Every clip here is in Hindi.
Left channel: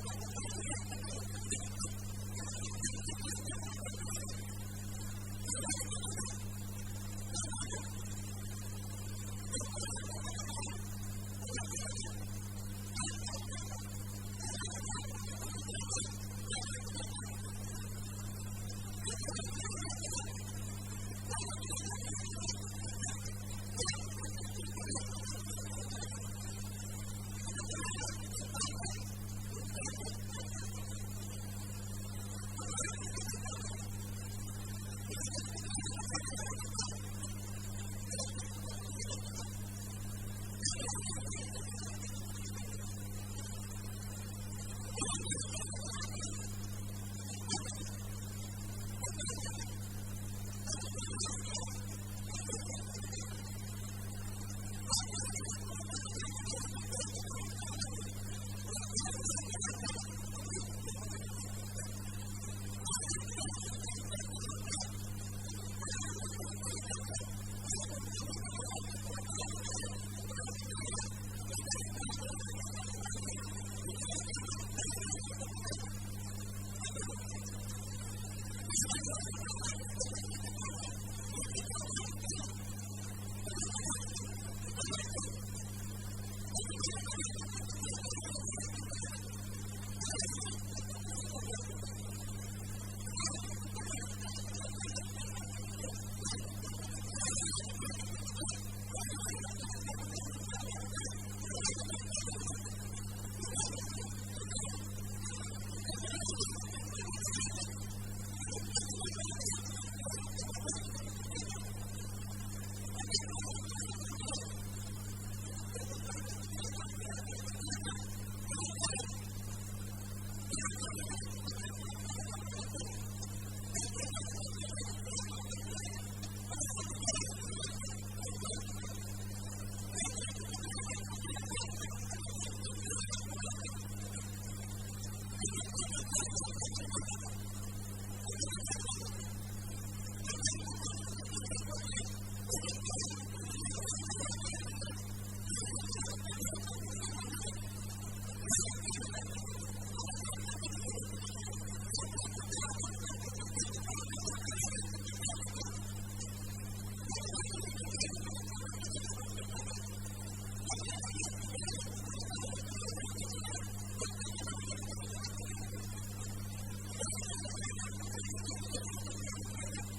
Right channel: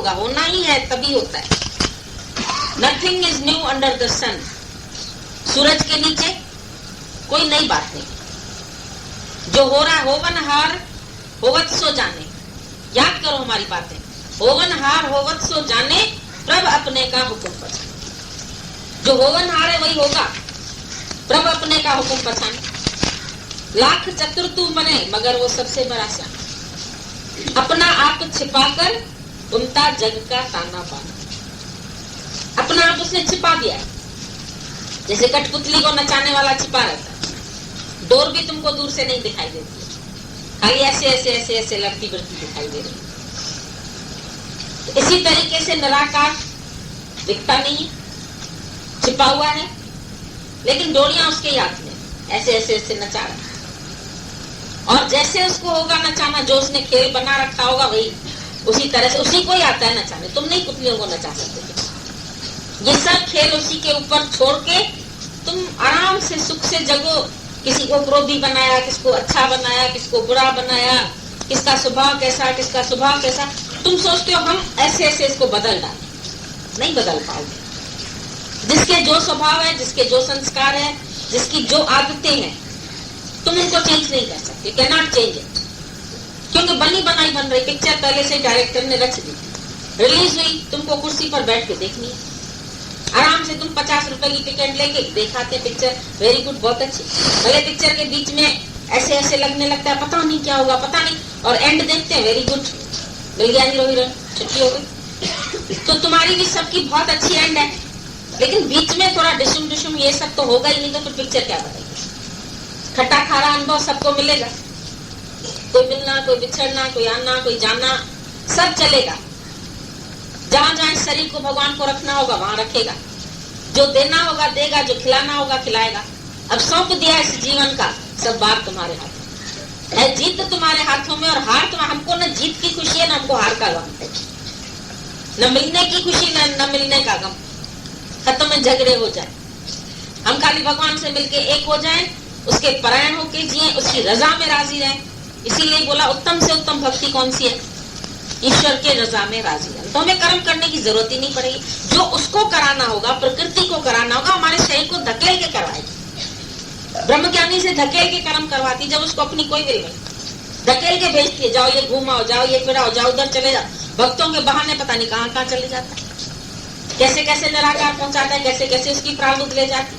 होगा, होना ही है, तभी होता है। Nothing is new under the sun. सूरज के नीचे कोई नई बात नहीं। जो हो रहा है, होवनहार होवत सो जाने। याद करो हमारी बातें। होवनहार होवत सो जाने, प्रभ अपने का हुक्म पछाने। जो होवनहार है वही होगा, प्रभ अपने का हुक्म पछाने। लाख चतुर तू बने, मगर वो सबसे बड़ा श्याम। अपना आप छिपाकर बुनता जग का ताना बाना। अपना आप उसने छिपा दिया है, जैसे कठपुतली को नचाने वाला छिपा रहता है। डोर भी तुमको दूर से नहीं दिखाई देती, खाली ऐसे ऐसे ऐसे ऐसे लड़ती बढ़ती दिखाई दे रही। इसी तरीके से निराकार दिखता नहीं, छिपा हुआ है, लेकिन डोरियां उसके हाथ में, ऐसे ऐसे ऐसे नचा रहा है। और जैसे उसको होगा नचाना, जो उसने खेल बना रखा होगा, वही उसी तरह से उसी को ही आता है नचाने। तुम नहीं पुतलियों को नचा सकते। ये सब खेल उसी के ऊपर छोड़ के तुम आराम से सुख से जगो। किसी को क्रोधी बनाया, किसको अच्छा बनाया, किसको बुरा बनाया, किसका स्वभाव कैसा, किसका स्वभाव कैसा। तुम सोचते हो हम ऐसे ऐसे इसको बदल डालें, नहीं बदल पाओगे। जिसके जो स्वभाव है, जिसके जो संस्कार है, जिसकी जो आदतें हैं, तुम इनको चेंज नहीं कर सकते। Can not change it. क्योंकि बनी बनाई बन रही पिक्चर पहले से डायरेक्टर ने रच दी, रिलीज हुई, तुमको कुर्सी पर बैठ के देखनी है। आराम से तुम 50 रुपए की टिकट लेके देखाते पिक्चर, वेरी गुड, बहुत अच्छी। भले पिक्चर के बीच में ऐसे ऐसे लगने लगता है, पता नहीं क्या होगा, पता नहीं, और एंड देखते हैं, वेरी गुड, मिल गया हीरो हीरोइन, छुट्टी हो गई। तो तुम्हारी भी सबकी बहुत अच्छी एंड है, लेकिन बीच में थोड़ा डिशुम डिशुम ये सब तो होगा ही नहीं, तो फिर पिक्चर क्या बताएगी। खट्टा खारा अनुभव सबको मिलेगा, कोई मिलना, कोई बिछड़ना, कोई आना, कोई जाना, सब चलेगा। जहां जहां शरीर को भगवान को रखना होगा वहां रखेगा, जो देना होगा देगा, जो खिलाना होगा खिलाएगा। अब सौंप दिया इस जीवन का, सब बात तुम्हारे हाथ है। जीत तुम्हारे हाथों में, और हार तो हमको न जीत की खुशी है, न हमको हार का गम है, न मिलने की खुशी, न मिलने का गम। खत्म में झगड़े हो जाए, हम खाली भगवान से मिलके एक हो जाएं, उसके परायण होके जिए, उसकी रजा में राजी रहें। इसीलिए बोला उत्तम से उत्तम भक्ति कौन सी है, ईश्वर के रजा में राजी रहना। तो हमें कर्म करने की जरूरत ही नहीं पड़ेगी। जो उसको कराना होगा, प्रकृति को कराना होगा, हमारे शरीर को धकेल के करवाएगी। ब्रह्मज्ञानी से धकेल के कर्म करवाती, जब उसको अपनी कोई विल नहीं, धकेल के भेजती है, जाओ ये घूमाओ, जाओ ये फिराओ, जाओ उधर चले जाओ। भक्तों के बहाने पता नहीं कहाँ कहाँ चले जाता है, कैसे कैसे निराकार पहुंचाता है, कैसे कैसे उसकी प्रारब्ध ले जाती,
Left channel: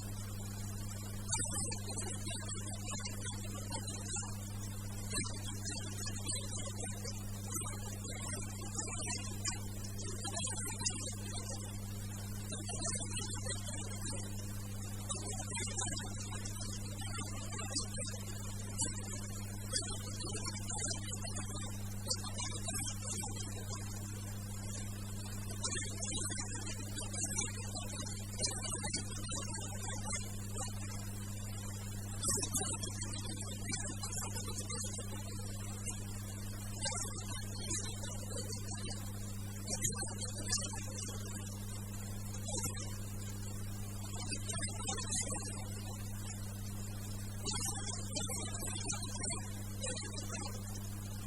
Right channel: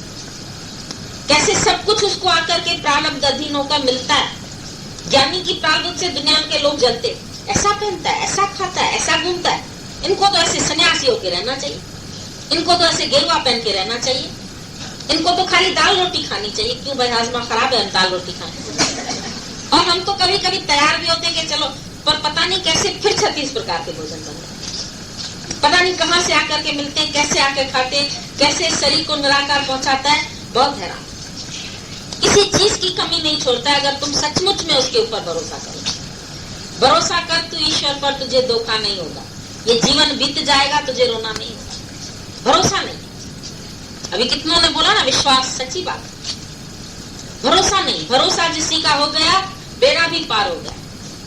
कैसे सब कुछ उसको आकर के प्रारब्ध अधीन होकर मिलता है। ज्ञानी की प्रारब्ध से दुनिया के लोग जलते, ऐसा पहनता है, ऐसा खाता है, ऐसा घूमता है, इनको तो ऐसे सन्यासी होके रहना चाहिए, इनको तो ऐसे गेरुआ पहन के रहना चाहिए, इनको तो खाली दाल रोटी खानी चाहिए। क्यों भाई, हाजमा खराब है, हम दाल रोटी खाएं। और हम तो कभी कभी तैयार भी होते हैं कि चलो, पर पता नहीं कैसे फिर 36 प्रकार के भोजन बनते हैं, पता नहीं कहाँ से आकर के मिलते हैं, कैसे आकर खाते हैं, कैसे शरीर को निराकार पहुंचाता है। बहुत हैरान, किसी चीज की कमी नहीं छोड़ता है। अगर तुम सचमुच में उसके ऊपर भरोसा करो, भरोसा कर तू ईश्वर पर, तुझे धोखा नहीं होगा। ये जीवन बीत जाएगा, तुझे रोना नहीं होगा। भरोसा नहीं, अभी कितनों ने बोला ना, विश्वास, सच्ची बात। भरोसा नहीं, भरोसा जिसी का हो गया, बेड़ा भी पार हो गया,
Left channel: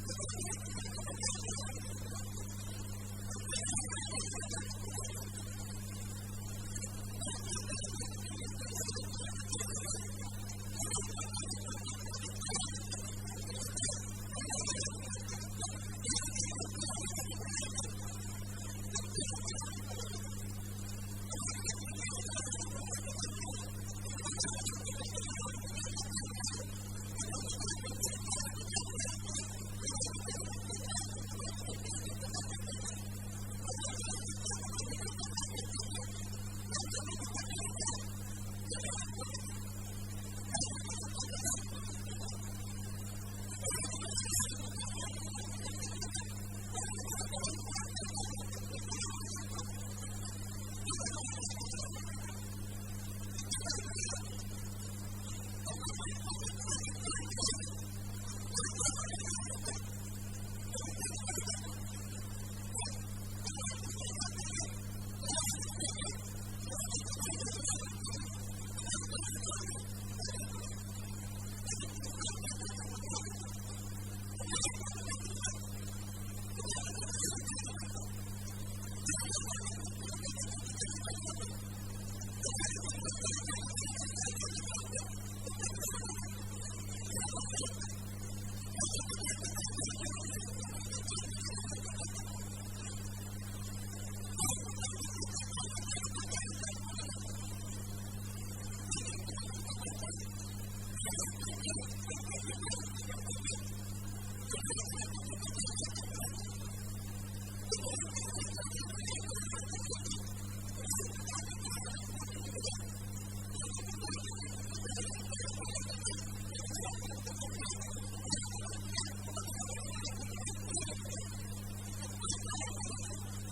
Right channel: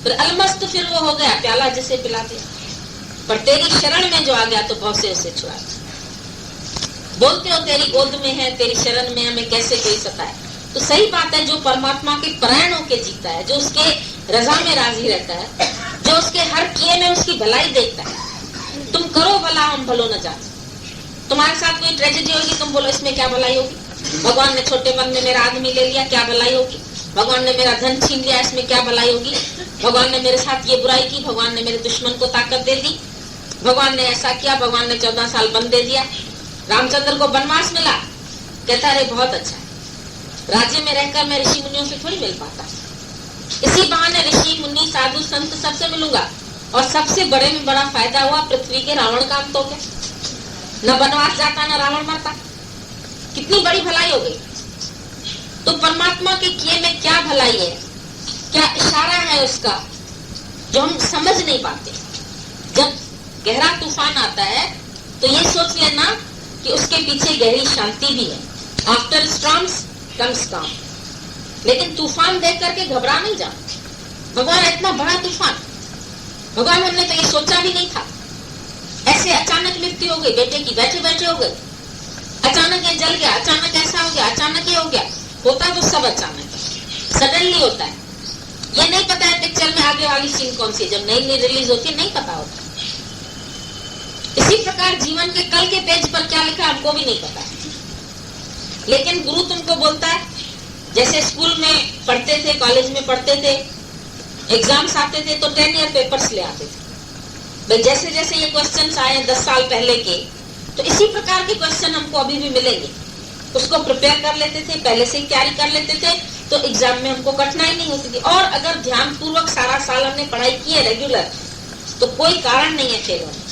फिर अलमस्त फिर वो हो गया, प्याला जिसे पिला दिया। पर तेरी शरण में जो आ गया, तो बहुत से उसे छुड़ा। बोलते हो तेरी गोद में है, तेरी शरण में हमें कैसे कोई सताए। तो सही बात है, जो परमात्मा के परायण होके जीता है, जो उसके रजा में राजी रहता है, जो उसके हर किए में उसकी भलाई देखता है। तुम करो भला, हम भलो न जाने। तुम्हारे साथ कोई ट्रेजेडी होगी, तुम बोलो इसमें क्या भलाई होगी। भगवान ने छोटे मन में मेरा आदमी ले लिया, क्या भलाई होगी। भगवान ने मेरा धन छीन लिया, इसमें क्या भलाई होगी। भगवान ने मेरे साथ ये बुराई की, भगवान ने मेरे दुश्मन को ताकत दे दी, भगवान ने ऐसा किया, भगवान ने 14 साल बंद दे दिया। रामचंद्र को वनवास मिला, कहता है बहुत अच्छा है, राज्य में रहकर मैं ऋषि मुनियों से थोड़ी मिल पाता, इसी बहाने ऋषि मुनि साधु संत सबसे मिलूंगा। और सबसे बड़े में बड़ा फायदा हुआ, पृथ्वी के रावण का अंत हो गया, न वनवास जाता न रावण मरता। कितनी बड़ी भलाई हो गई। तो परमात्मा के किए में क्या भलाई है, क्या इशारा है उसका, जो हम समझ नहीं पाते। जब गहरा तूफान आता है तो ये सोच लेना कि उसके पीछे गहरी शांति भी है। आफ्टर स्टॉर्म्स कम्स काम। लेकिन तूफान देख करके घबरा नहीं जाना। भगवान इतना बड़ा तूफान, भगवान हमने तो ये सोचा भी नहीं था। अचानक मृत्यु हो गई बेटे की, बैठे बैठे हो गई, अचानक ये जल गया, अचानक ऐसा हो गया, अचानक ये हो गया। होता तो सब अचानक है, सडनली होता है। ये नहीं पता है पिक्चर में आगे वाली सीन कौन सी है, जब नई नई रिलीज होती है नहीं पता होता। इसी प्रकार जीवन के कल के पेज पर क्या लिखा हमको भी नहीं पता है, लेकिन गुरु तुमको बोलता है। जैसे स्कूल में पढ़ते थे, कॉलेज में पढ़ते थे, एग्जाम्स आते थे तो 10 ईयर पेपर्स ले आते थे। भाई जैसे जैसे ये क्वेश्चंस आए 10 साल पहले के, तो इसी प्रकार के क्वेश्चन हमको अभी भी मिलेंगे। उसको प्रिपेयर कर लेते थे, पहले से ही तैयारी कर लेते थे, तो एग्जाम में हमको कठिनाई नहीं होती थी। और अगर ध्यान पूर्वक सारा साल हमने पढ़ाई की है रेगुलर, तो कोई कारण नहीं है फेल होने।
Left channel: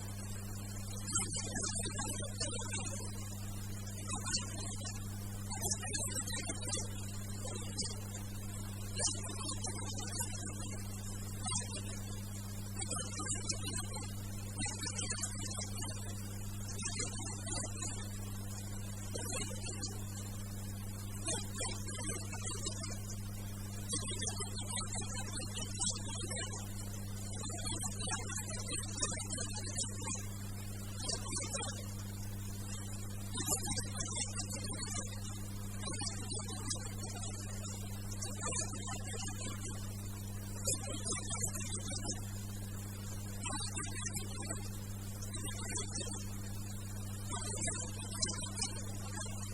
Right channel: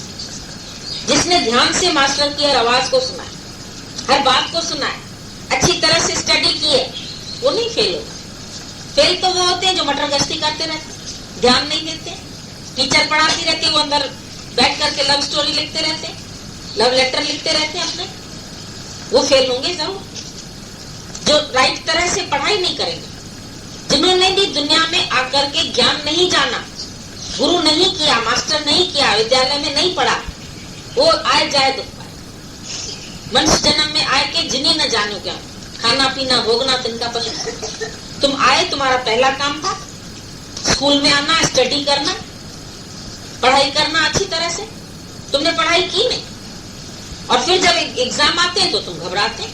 जिसने ध्यान से मास्टर की हर आवाज को सुना है, हर बात को सुना है, अच्छी तरह से स्टडी की है, वो नहीं फेल होगा। फेल तो वो होते हैं जो मटर गश्ती करते रहते, ध्यान नहीं देते। टीचर पढ़ाती रहती है, वो अंदर बैठ करके लव स्टोरी लिखते रहते, लव लेटर लिखते रहते हैं अपने, वो फेल होंगे जरूर। जो राइट तरह से पढ़ाई नहीं करेंगे, जिन्होंने भी दुनिया में आकर के ज्ञान नहीं जाना, गुरु नहीं किया, मास्टर नहीं किया, विद्यालय में नहीं पढ़ा, वो आए जाए दुख पाए। मनुष्य जन्म में आए के जिन्हें न जानो क्या, खाना पीना भोगना तिनका पसंद। तुम आए, तुम्हारा पहला काम था स्कूल में आना, स्टडी करना, पढ़ाई करना अच्छी तरह से। तुमने पढ़ाई की नहीं, और फिर जब एग्जाम आते हैं तो तुम घबराते।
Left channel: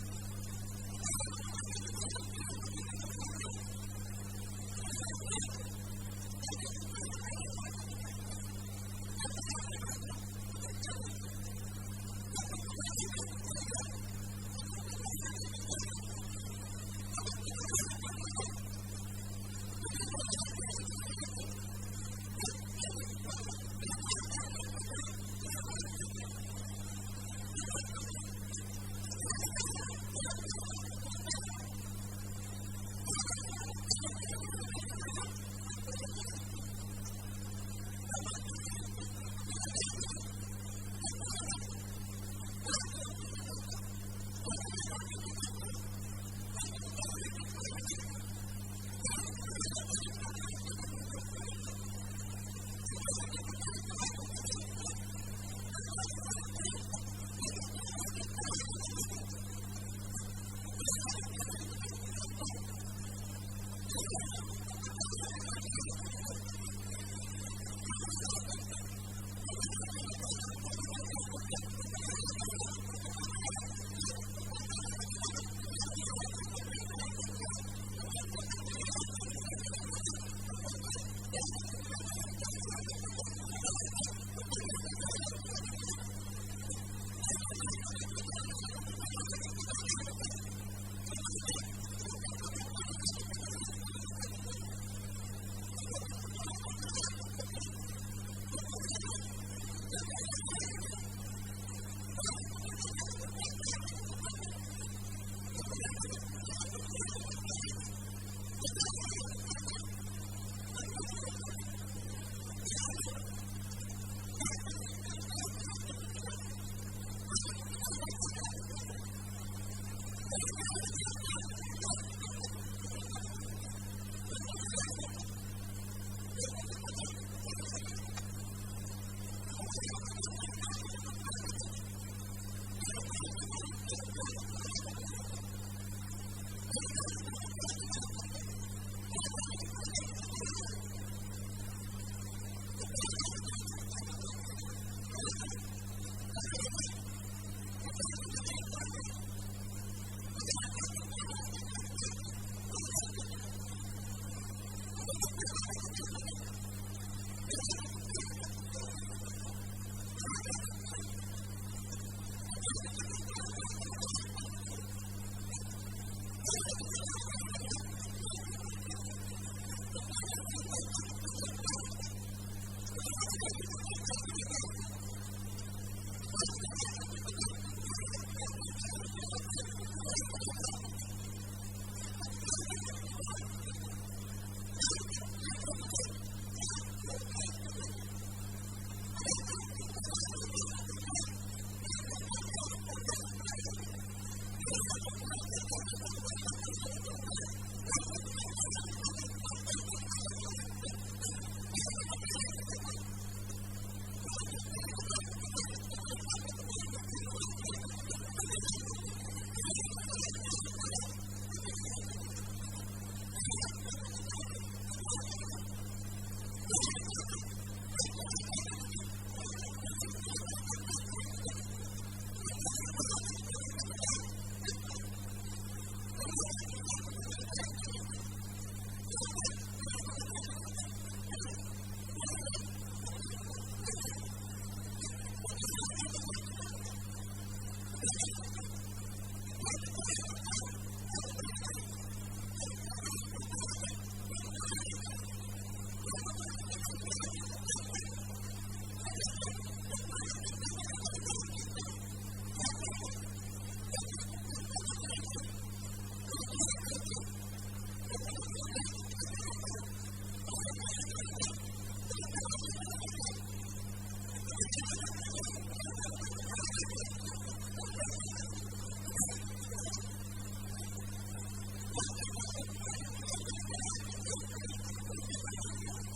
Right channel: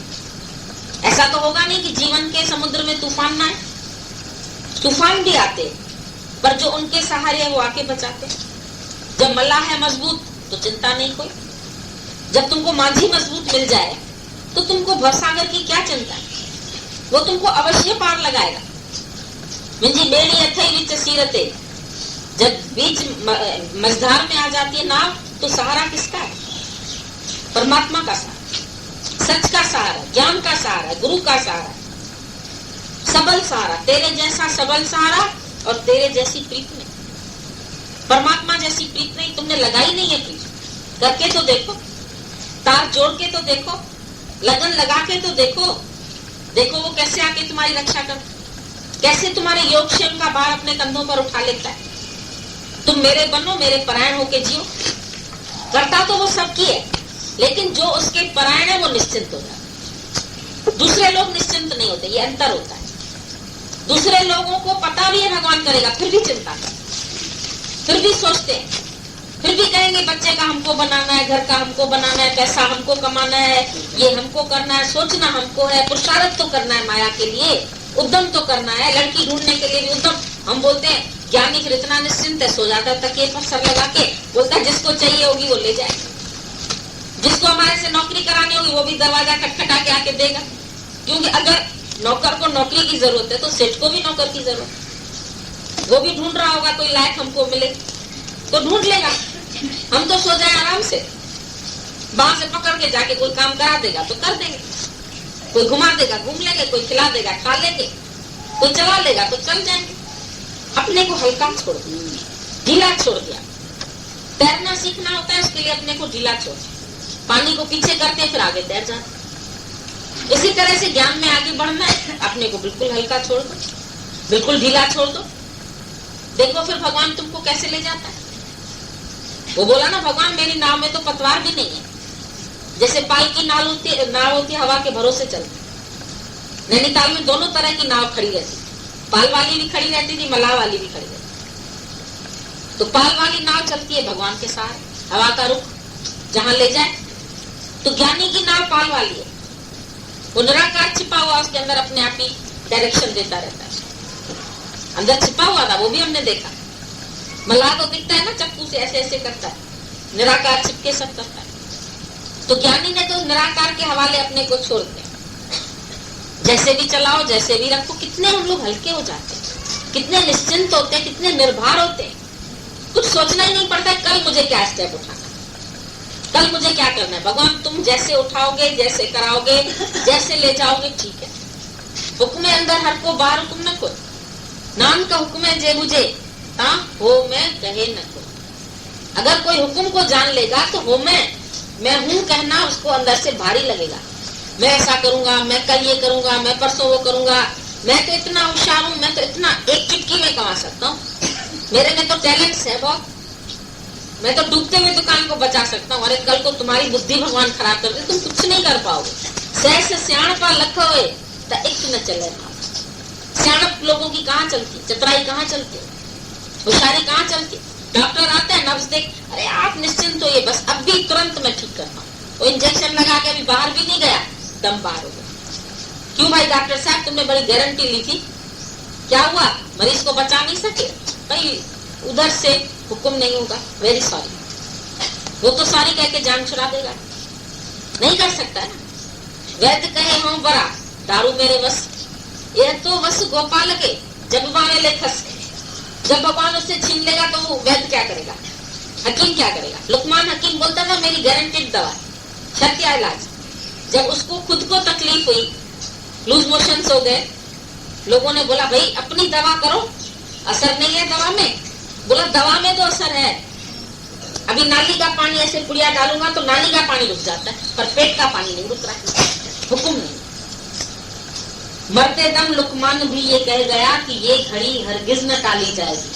ऐसा तो होगा नहीं कि जीवन के समुद्र में तूफान ना आए, तूफान भी आते, पर जो उनके सहारे है वो आके बचाते। जब मल्लाह है मजबूत तो चिंता नहीं कोई। जब तुमको माझी मजबूत मिल जाए तो तुमको भवसागर की क्या चिंता है, वो तुमको अवश्य पार लगाएगा। मिंजी बेड़ी अथई विच सीरते, जब बीच मझधार में आ जाती है नाव, तो सहारा किसका है? परमात्मा का सहारा, सच का सहारा, ज्ञान का सहारा, गुरु का सहारा, सबल सहारा। तेरे जैसा सबल सहारा और तेरे जैसी प्रीत नहीं, परमात्मा जैसी प्रीत नहीं। तुमने लगाई नहीं है प्रीत, करके तो देखो, तार जोड़ के तो देखो, लगन लगा के तो देखो, देखो वो कैसे आके तुम्हारी रक्षा कर, कैसे तुम्हारे योगक्षेम का भार अपने कंधों पर उठा लेता है। तुम मेरे बनो, मेरे परायण होके जियो। करता तो वो सबकी है, लेकिन जो उसके परायण है वो निश्चिंत हो जाता है। दूसरे लोग निश्चिंत नहीं होते, ये अंतर होता है। दूसरे लोगों को पता भी है भगवान करेगा, फिर भी चिंता करते, फिर भी सोचते हैं, फिर भी कहेंगे बच्चे का हमको बनाना है, घर का हमको बनाना है, पैसा हमको कमाना है, ये हमको करना है, सोचना हमको है, पुरुषार्थ तो करना है माया के लिए, उद्यम तो करना है, लड़की ढूंढने के लिए भी उद्यम। हम बोलते हैं ज्ञानी फिर इतना निश्चिंत है, सो जाता है तकिए पर सर लगा के, बोलता है जिसको चाहिए होगी वो ले जाए, जिसको हमारे से नौकरी करानी होगी वो भी दरवाजा खटखटा के आके देगा। क्योंकि अगर नौकर को नौकरी की जरूरत है तो सेठ को भी नौकर की जरूरत है। वो भी ढूंढ रहा होगा कोई लायक हमको मिले तो ढूंढ लेगा। हम तो सो जाए आराम से, बांह से पकड़ के जाके कोई काम करा देगा तो कर देंगे, कोई घुमा देगा घूम लेंगे, कोई खिला देगा खा लेंगे, कोई चला लेगा तो चल जाएंगे। अपने को हल्का छोड़ दिया, ढीला छोड़ दिया। तैरना सीखना होता है, उसके लिए अपने को ढीला छोड़, पानी को पीछे करते फिर आगे तैर जाते। इसी तरह से ज्ञान में आगे बढ़ना है, अपने को बिल्कुल हल्का छोड़ दो, बिल्कुल ढीला छोड़ दो। देखो फिर भगवान तुमको कैसे ले जाता है। वो बोला ना, भगवान मेरी नाव में तो पतवार भी नहीं है, जैसे पाल की नाव होती हवा के भरोसे चलती। नैनीताल में दोनों तरह की नाव खड़ी रहती, पाल वाली भी खड़ी रहती थी, मलाह वाली भी खड़ी रहती। तो पाल वाली नाव चलती है भगवान के सहारे, हवा का रुख जहां ले जाए। तो ज्ञानी की नाव पाल वाली है, वो निराकार छिपा हुआ उसके अंदर अपने आप ही डायरेक्शन देता रहता है। अंदर छिपा हुआ था, वो भी हमने देखा। मल्लाह तो दिखता है ना, चक्कू से ऐसे ऐसे करता है, निराकार छिपके सब करता है। तो ज्ञानी ने तो निराकार के हवाले अपने को छोड़ दिया, जैसे भी चलाओ, जैसे भी रखो। कितने हम लोग हल्के हो जाते हैं, कितने निश्चिंत होते हैं, कितने निर्भर होते हैं। कुछ सोचना ही नहीं पड़ता है कल मुझे क्या स्टेप उठाना, कल मुझे क्या करना है। भगवान तुम जैसे उठाओगे, जैसे कराओगे, जैसे ले जाओगे, ठीक है। हुक्म अंदर हर को बाहर हुक्म न को, नाम का हुक्म है जे मुझे ता हो मैं कहे न को। अगर कोई हुक्म को जान लेगा तो हो मैं हूँ कहना उसको अंदर से भारी लगेगा। मैं ऐसा करूंगा, मैं कल ये करूंगा, मैं परसों वो करूंगा, मैं तो इतना होशियार हूँ, मैं तो इतना एक चुटकी में कमा सकता हूँ, मेरे में तो टैलेंट्स है बहुत, मैं तो डूबते हुए दुकान को बचा सकता हूँ। अरे कल को तुम्हारी बुद्धि भगवान खराब कर दे, तुम कुछ नहीं कर पाओगे। सहस सियाणपा लख होए त एक न चले। सियाणप लोगों की कहाँ चलती, चतुराई कहाँ चलती, होशियारी कहाँ चलती। डॉक्टर आते हैं, नब्ज देख, अरे आप निश्चिंत होइए, बस अब भी तुरंत मैं ठीक करता हूँ। वो इंजेक्शन लगा के अभी बाहर भी नहीं गया, दम बाहर हो गया। क्यों भाई डॉक्टर साहब, तुमने बड़ी गारंटी ली थी, क्या हुआ? मरीज को बचा नहीं सके भाई, उधर से हुक्म नहीं होगा, वेरी सॉरी। वो तो सॉरी कह के जान छुड़ा देगा, नहीं कर सकता है ना। वैद्य कहे हूँ बड़ा, दारू मेरे बस, यह तो बस गोपाल के जब वाले ले खस। जब भगवान उससे छीन लेगा तो वो वैद्य क्या करेगा, हकीम क्या करेगा? लुकमान हकीम बोलता था मेरी गारंटेड दवा, सत्य इलाज। जब उसको खुद को तकलीफ हुई, लूज मोशंस हो गए, लोगों ने बोला भाई अपनी दवा करो, असर नहीं है दवा में। बोला दवा में तो असर है, अभी नाली का पानी ऐसे पुड़िया डालूंगा तो नाली का पानी रुक जाता है, पर पेट का पानी नहीं रुक रहा है, हुक्म नहीं। मरते दम लुकमान भी ये कह गया कि ये घड़ी हरगिज न टाली जाएगी,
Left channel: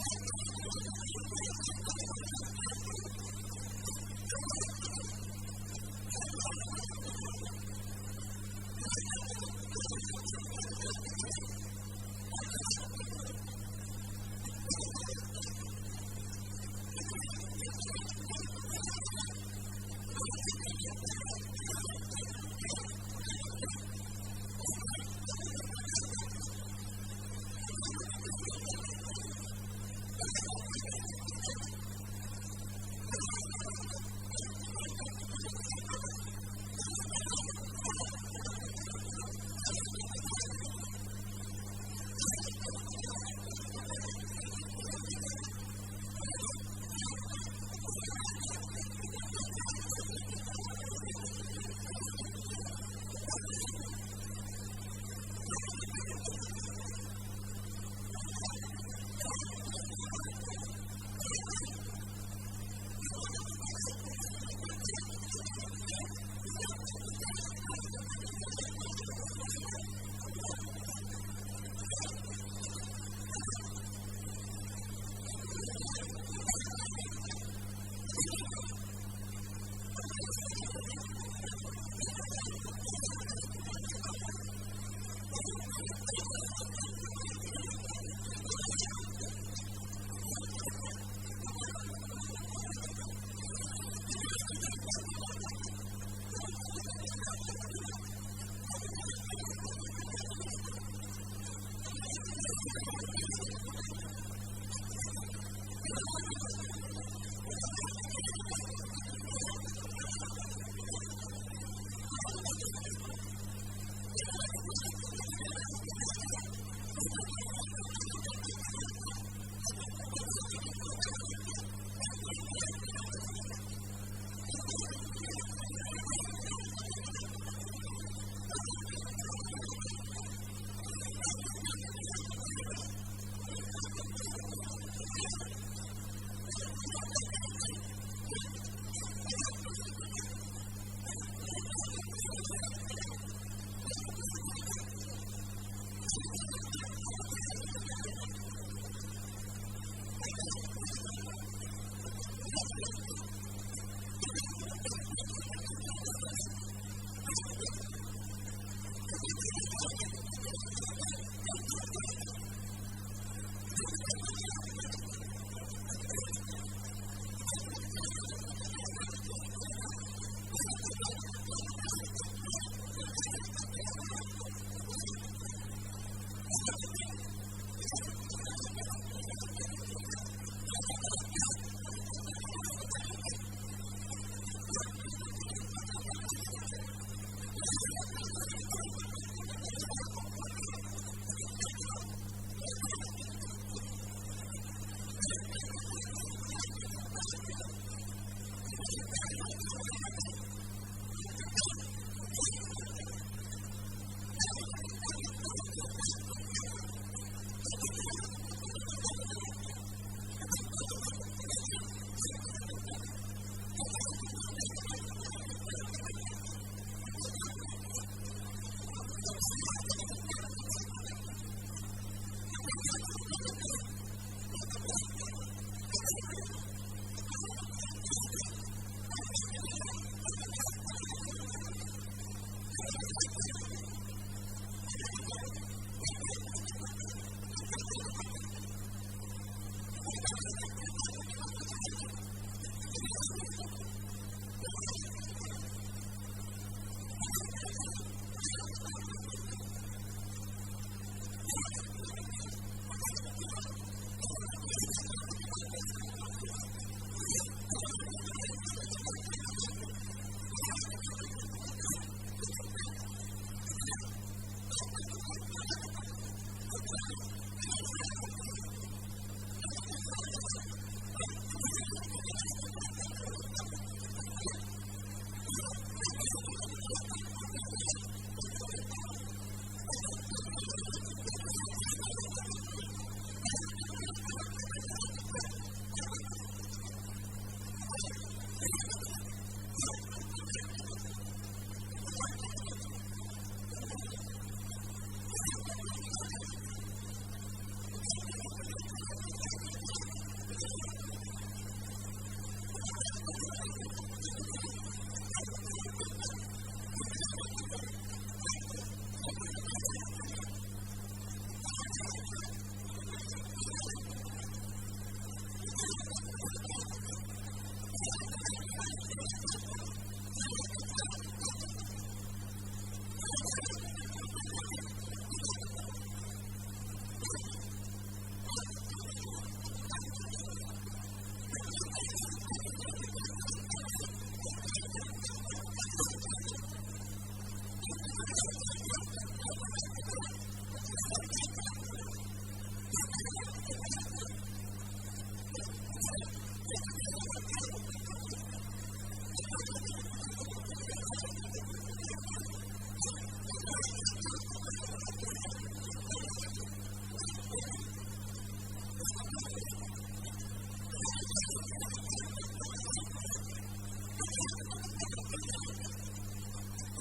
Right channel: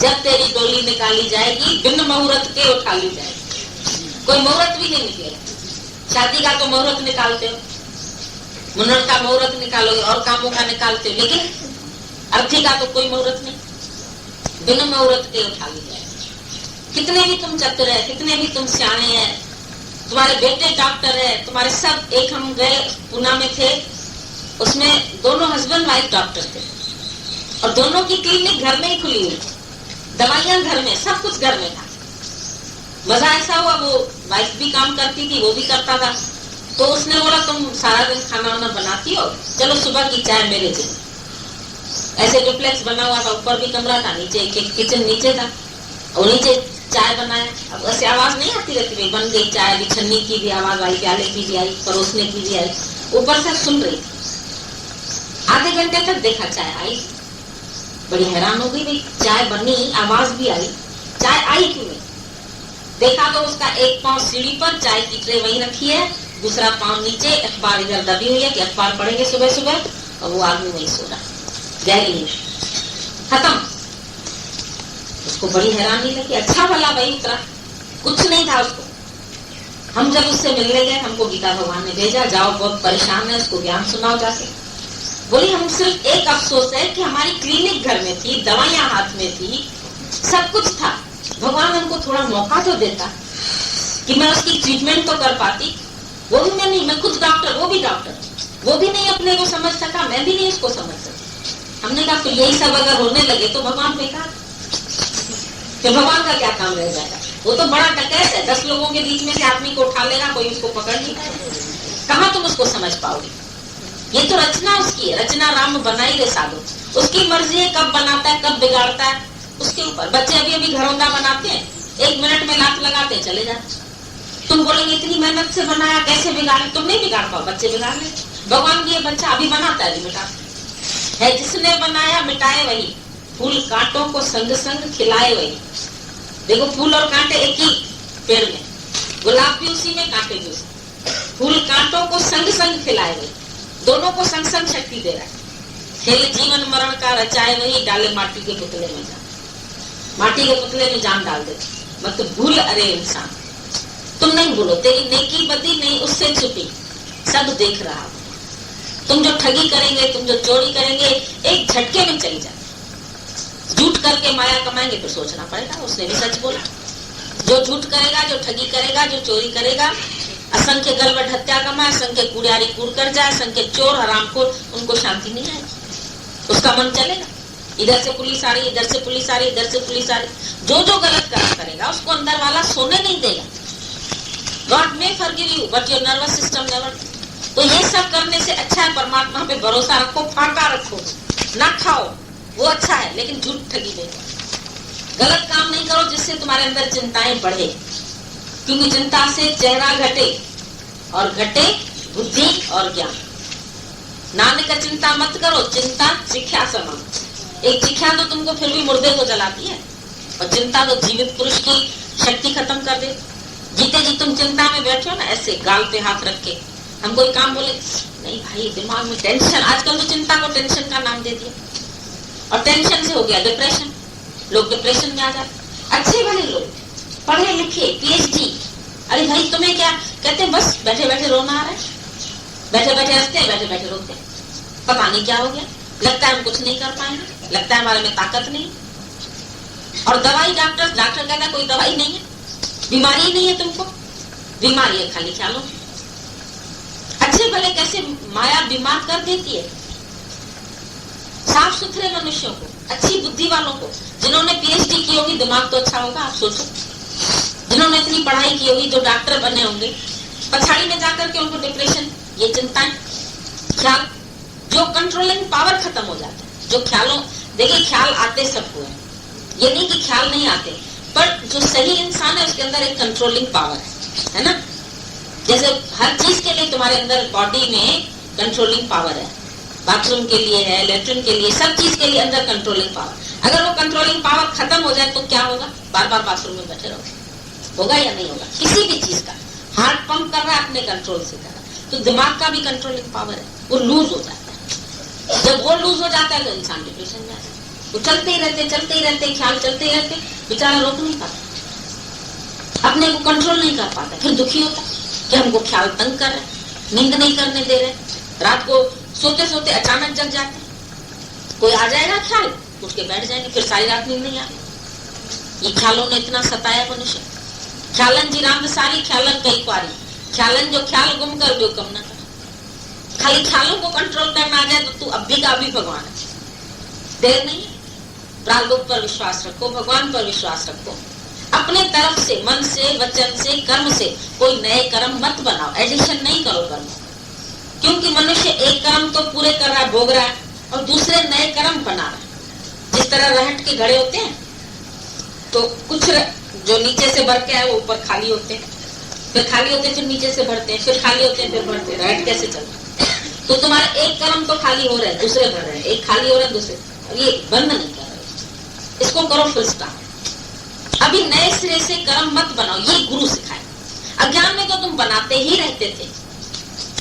जब तेरी डोली निकाली जाएगी बिन मुहूर्त के उठा ली जाएगी। कोई मुहूर्त भी नहीं निकलेगा। शादी का तो मुहूर्त निकालते हो, मुन्नन का मुहूर्त निकालोगे और कामों का निकालते हो, लेकिन अर्थी का तो कोई मुहूर्त नहीं, बिन मुहूर्त के उठा ली जाएगी। कितने भी तुम चतुर है, कितने भी तुम सियाने हैं, तुम्हारे बेटे डॉक्टर है, तुम्हारे सब। एक हम गए पुणे में थे, उसमें दोनों हस्बैंड वाइफ डॉक्टर थे और दोनों की क्लिनिक घर में ही खुली हुई थी, दवाइयां घर में, सब कुछ घर में था। मजा ऐसा हुआ, वो वाइफ भी काम करती थी, वो भी करता था। तो उसने बोला तुम सारा दिन खाना वाना बनाती हो, चलो सुबह की चाय मेरे लिए। ऐसे डुप्लेक्स बना हुआ था, ऊपर भी कमरा था, नीचे किचन नीचे था, और नीचे चाय बनाया। अब ऐसे आवाज नहीं आती रहती, बन गई चाय, अभी छन्नी की भी आवाज आई, प्याले की भी आई, परोसने की भी आई, ऊपर से सुन रही थी। आधे घंटे तक देखा चाय आई, बड़ी हैरान हो गई, भाई चाय बनी, आवाज भी आई, चाय आई क्यों नहीं? देखा तो उसका एक पांव सीढ़ी पर, चाय की ट्रे वहीं रखी है, दूसरा पांव नीचे, अखबार इधर दबी हुई है कि अखबार पढ़ेंगे सुबह सुबह, और वो आदमी वहीं सो रहा, गहरी खत्म। उसको बड़ी हैरानी लगी, अच्छा भला भाई उतरा, कुछ नहीं था उसको। हम जब उससे मिलने गए, हमको गीता भगवान ने भेजा, जाओ बहुत परेशान है, उसको ज्ञान सुनाओ जाके। बोली हम सिर्फ एक अफसोस है कि हमारी क्लिनिक घर में थी, दवाइयां हाथ में थी, सब कुछ था, भगवान हमको थोड़ा मौका तो देता कि मैं उसकी ट्रीटमेंट तो कर पाती। वो भी मैं नहीं, मैं खुद डॉक्टर, वो भी डॉक्टर, वो भी नहीं अपने को समझ सका, मैं भी नहीं उसको समझ सकी। हमने कहा तो यही सब अगर होने लगे तो भगवान बेकार, कि भगवान का क्या काम रह जाएगा? वो तो बड़ा डकैत है, 10 लोगों के बीच में से आदमी को उठा लेगा, कोई उसको पकड़ नहीं पाएगा। कहाँ तुम उसको समझ पाओगे? ये तो रचना उसकी है, रचना राम बनाई रे साधु, उसकी मर्जी है, कब बनाता है कब बिगाड़ता है उसके ऊपर। बच्चे अभी अभी घरौंदा बनाते हैं, 1 मिनट में लात लगाते हैं, चले जाते। तुम बोलेंगे इतनी मेहनत से बनाया, कैसे बिगाड़े? तुम नहीं बिगाड़ पाओ, बच्चे बिगाड़ ले। भगवान भी ये बच्चा अभी बनाता है, अभी मिटाता है। जिसने बनाया मिटाए वही, फूल कांटों को संग संग खिलाए वही। देखो फूल और कांटे एक ही पेड़ में, गुलाब भी उसी में, कांटे भी उसी। फूल कांटों को संग संग खिलाए वही, दोनों को संग संग शक्ति दे रहा है। खेल जीवन मरण का रचाए वही, डाले माटी के पुतले में जान, माटी के पुतले में जान डाल दे। मत भूल अरे इंसान, तुम नहीं भूलो, तेरी नेकी बदी नहीं उससे छुपी, सब देख रहा हो। तुम जो ठगी करेंगे, तुम जो चोरी करेंगे, एक झटके में चली जाए। झूठ करके माया कमाएंगे तो सोचना पड़ेगा, उसने भी सच बोला। जो झूठ करेगा, जो ठगी करेगा, जो चोरी करेगा, असंख्य गलबट हत्या कमाए, असंख्य कुड़ियारी कूड़ कर जाए, असंख्य चोर हरामखोर, उनको शांति नहीं आएगी, उसका मन चलेगा। इधर से पुलिस आ रही, इधर से पुलिस आ रही, इधर से पुलिस आ रही। जो जो गलत काम करेगा उसको अंदर वाला सोने नहीं देगा। God may forgive you but your nervous system never. तो ये सब करने से अच्छा है परमात्मा पे भरोसा रखो, फाका रखो, ना खाओ, वो अच्छा है, लेकिन झूठ ठगी नहीं करो। गलत काम नहीं करो जिससे तुम्हारे अंदर चिंताएं बढ़े, क्योंकि चिंता से चेहरा घटे और घटे बुद्धि और ज्ञान। नानक चिंता मत करो, चिंता चिख्या समान। एक चिख्या तो तुमको फिर भी मुर्दे को जलाती है, और चिंता तो जीवित पुरुष की शक्ति खत्म कर दे। जीते जी तुम चिंता में बैठो ना, ऐसे गाल पे हाथ रख के, हम कोई काम बोले नहीं भाई, दिमाग में टेंशन। आजकल तो चिंता को टेंशन का नाम दे दिया, और टेंशन से हो गया डिप्रेशन, लोग डिप्रेशन में आ जाते। अच्छे भले लोग, पढ़े लिखे, PhD, अरे भाई तुम्हें क्या कहते हैं, बस बैठे बैठे रोना आ रहा है, बैठे बैठे हंसते हैं, बैठे बैठे रोते हैं, पता नहीं क्या हो गया, लगता है हम कुछ नहीं कर पाएंगे, लगता है हमारे में ताकत नहीं। और दवाई डॉक्टर कहता है कोई दवाई नहीं है, बीमारी ही नहीं है तुमको, बीमारी है खाली ख्यालों। अच्छे भले कैसे माया बीमार कर देती है साफ सुथरे मनुष्यों को, अच्छी बुद्धि वालों को, जिन्होंने पीएचडी की होगी, दिमाग तो अच्छा होगा, आप सोचो, जिन्होंने इतनी पढ़ाई की होगी, जो डॉक्टर बने होंगे, पछाड़ी में जाकर के उनको डिप्रेशन, ये चिंताएं, ख्याल, जो कंट्रोलिंग पावर खत्म हो जाता है। जो ख्यालों, देखिए ख्याल आते सबको है, ये नहीं कि ख्याल नहीं आते, पर जो सही इंसान है उसके अंदर एक कंट्रोलिंग पावर है ना। जैसे हर चीज के लिए तुम्हारे अंदर बॉडी में कंट्रोलिंग पावर है, बाथरूम के लिए है, लेटरिन के लिए, सब चीज के लिए अंदर कंट्रोलिंग पावर। अगर वो कंट्रोलिंग पावर खत्म हो जाए तो क्या होगा, बार बार बाथरूम में बैठे रहोगे, होगा या नहीं होगा। किसी भी चीज का हार्ट पंप कर रहा है अपने कंट्रोल से कर रहा है, तो दिमाग का भी कंट्रोलिंग पावर है, वो लूज हो जाता है। जब वो लूज हो जाता है तो इंसान डिप्रेशन में आता है। वो चलते ही रहते ख्याल चलते ही रहते, बेचारा रोक नहीं पाता, अपने को कंट्रोल नहीं कर पाता, फिर दुखी होता कि हमको ख्याल तंग कर रहे, नींद नहीं करने दे रहे, रात को सोते सोते अचानक जग जाते, कोई आ जाएगा ख्याल, उठ के बैठ जाएंगे, फिर सारी रात नींद नहीं आती। ये ख्यालों ने इतना सताया मनुष्य। ख्यालन जी राम सारी ख्यालन कई क्वारी, ख्यालन जो ख्याल गुम कर जो कम ना कर। खाली ख्यालों को कंट्रोल करना आ जाए तो तू अभी का अभी भगवान है, देर नहीं है। प्रारब्ध पर विश्वास रखो, भगवान पर विश्वास रखो, अपने तरफ से, मन से, वचन से, कर्म से कोई नए कर्म मत बनाओ, एडिशन नहीं करो कर्म, क्योंकि मनुष्य एक कर्म तो पूरे कर रहा है, भोग रहा है, और दूसरे नए कर्म बना रहा है। जिस तरह रहट के घड़े होते हैं, तो कुछ जो नीचे से भर के आए वो ऊपर खाली होते हैं, फिर खाली होते हैं, फिर नीचे से भरते हैं, फिर खाली होते हैं, फिर भरते हैं। रहट कैसे चलता है? तो तुम्हारे एक कर्म तो खाली हो रहे हैं, दूसरे भर रहे हैं, एक खाली हो रहे हैं, दूसरे, और ये बंद नहीं कर रहे, इसको करो फुल स्टॉप। अभी नए सिरे से कर्म मत बनाओ, ये गुरु सिखाए। अज्ञान में तो तुम बनाते ही रहते थे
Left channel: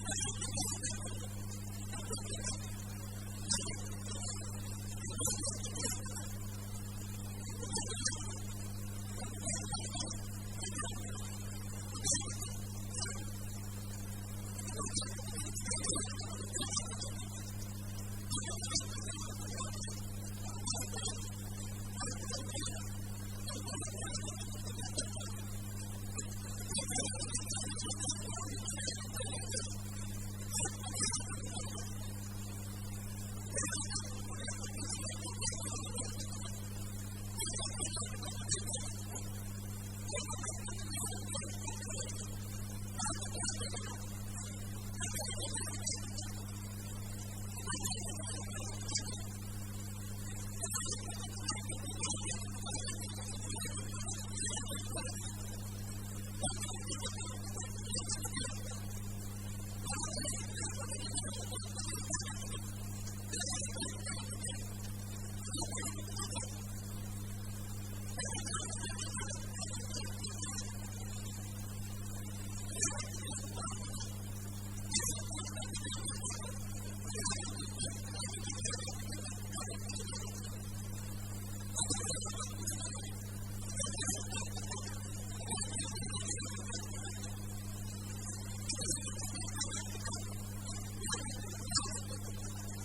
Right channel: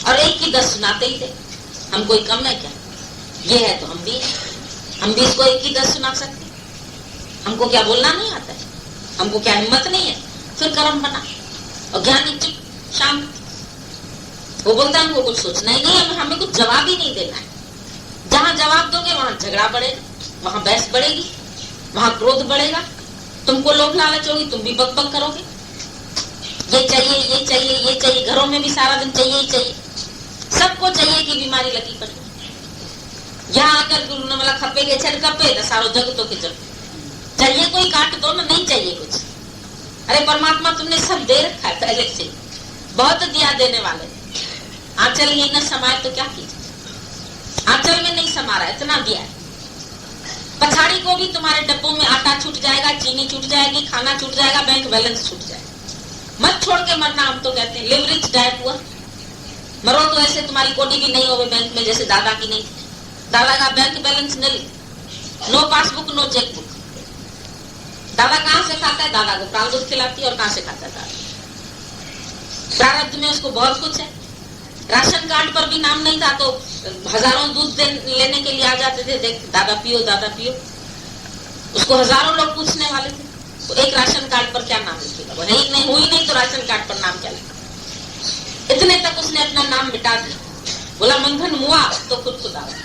और एक की 10 सुनाते ही थे। हम कोई कम है क्या? ये है तो हम भी इसको एक की 10 सुना सकते। हमको क्या बोलना नहीं आता है? हमको क्या हिम्मत नहीं है? फिर कर्म बना। और ज्ञानी चुप शांत, वो बोलता है हमको कुछ सोचना ही नहीं है, हमें कुछ जवाब ही नहीं देना है। जहां जवाब दोगे वहां झगड़ा बढ़ेगा, वहां बहस बढ़ेगी, वहां क्रोध बढ़ेगा, तुमको लोभ लालच होगी, तुम भी बक बक करोगे, ये चाहिए, ये चाहिए, ये चाहिए। घरों में भी सारा दिन चाहिए ही चाहिए, सबको चाहिए कि बीमारी लगी पड़ी। यहाँ आकर गुरु ने बोला खपे के छड़ कपे तो सारो जग तो के जग चाहिए, कोई काट दो ना, नहीं चाहिए कुछ। अरे परमात्मा तुमने सब दे रखा है पहले से, बहुत दिया देने वाले। आंचल ही न समाये तो क्या कीजिए, आंचल में नहीं समा रहा, इतना दिया है। पछाड़ी को भी तुम्हारे डब्बों में आटा छूट जाएगा, चीनी छूट जाएगी, खाना छूट जाएगा, बैंक बैलेंस छूट जाएगा। मत छोड़ के मरना, हम तो कहते हैं लिवरेज डाइट हुआ, मरो तो ऐसे तुम्हारी कोटी भी नहीं होगी बैंक में, जैसे दादा की नहीं। दादा का बैंक बैलेंस नहीं, नो पासबुक नो चेकबुक। दादा कहाँ से खाता है? दादा को प्रारब्ध खिलाती है। और कहाँ से खाता है? दादा प्रारब्ध में उसको बहुत कुछ है। राशन कार्ड पर भी नाम नहीं था तो हजारों दूध लेने के लिए आ जाते थे, देख दादा पियो, दादा पियो। उसको हजारों लोग पूछने वाले थे, तो एक राशन कार्ड पर क्या नाम लिखेगा? वो नहीं हुई नहीं तो राशन कार्ड पर नाम क्या लिखा? इतने तक उसने अपना नाम मिटा दिया। बोला मंगन मुआ तो खुद को दावा।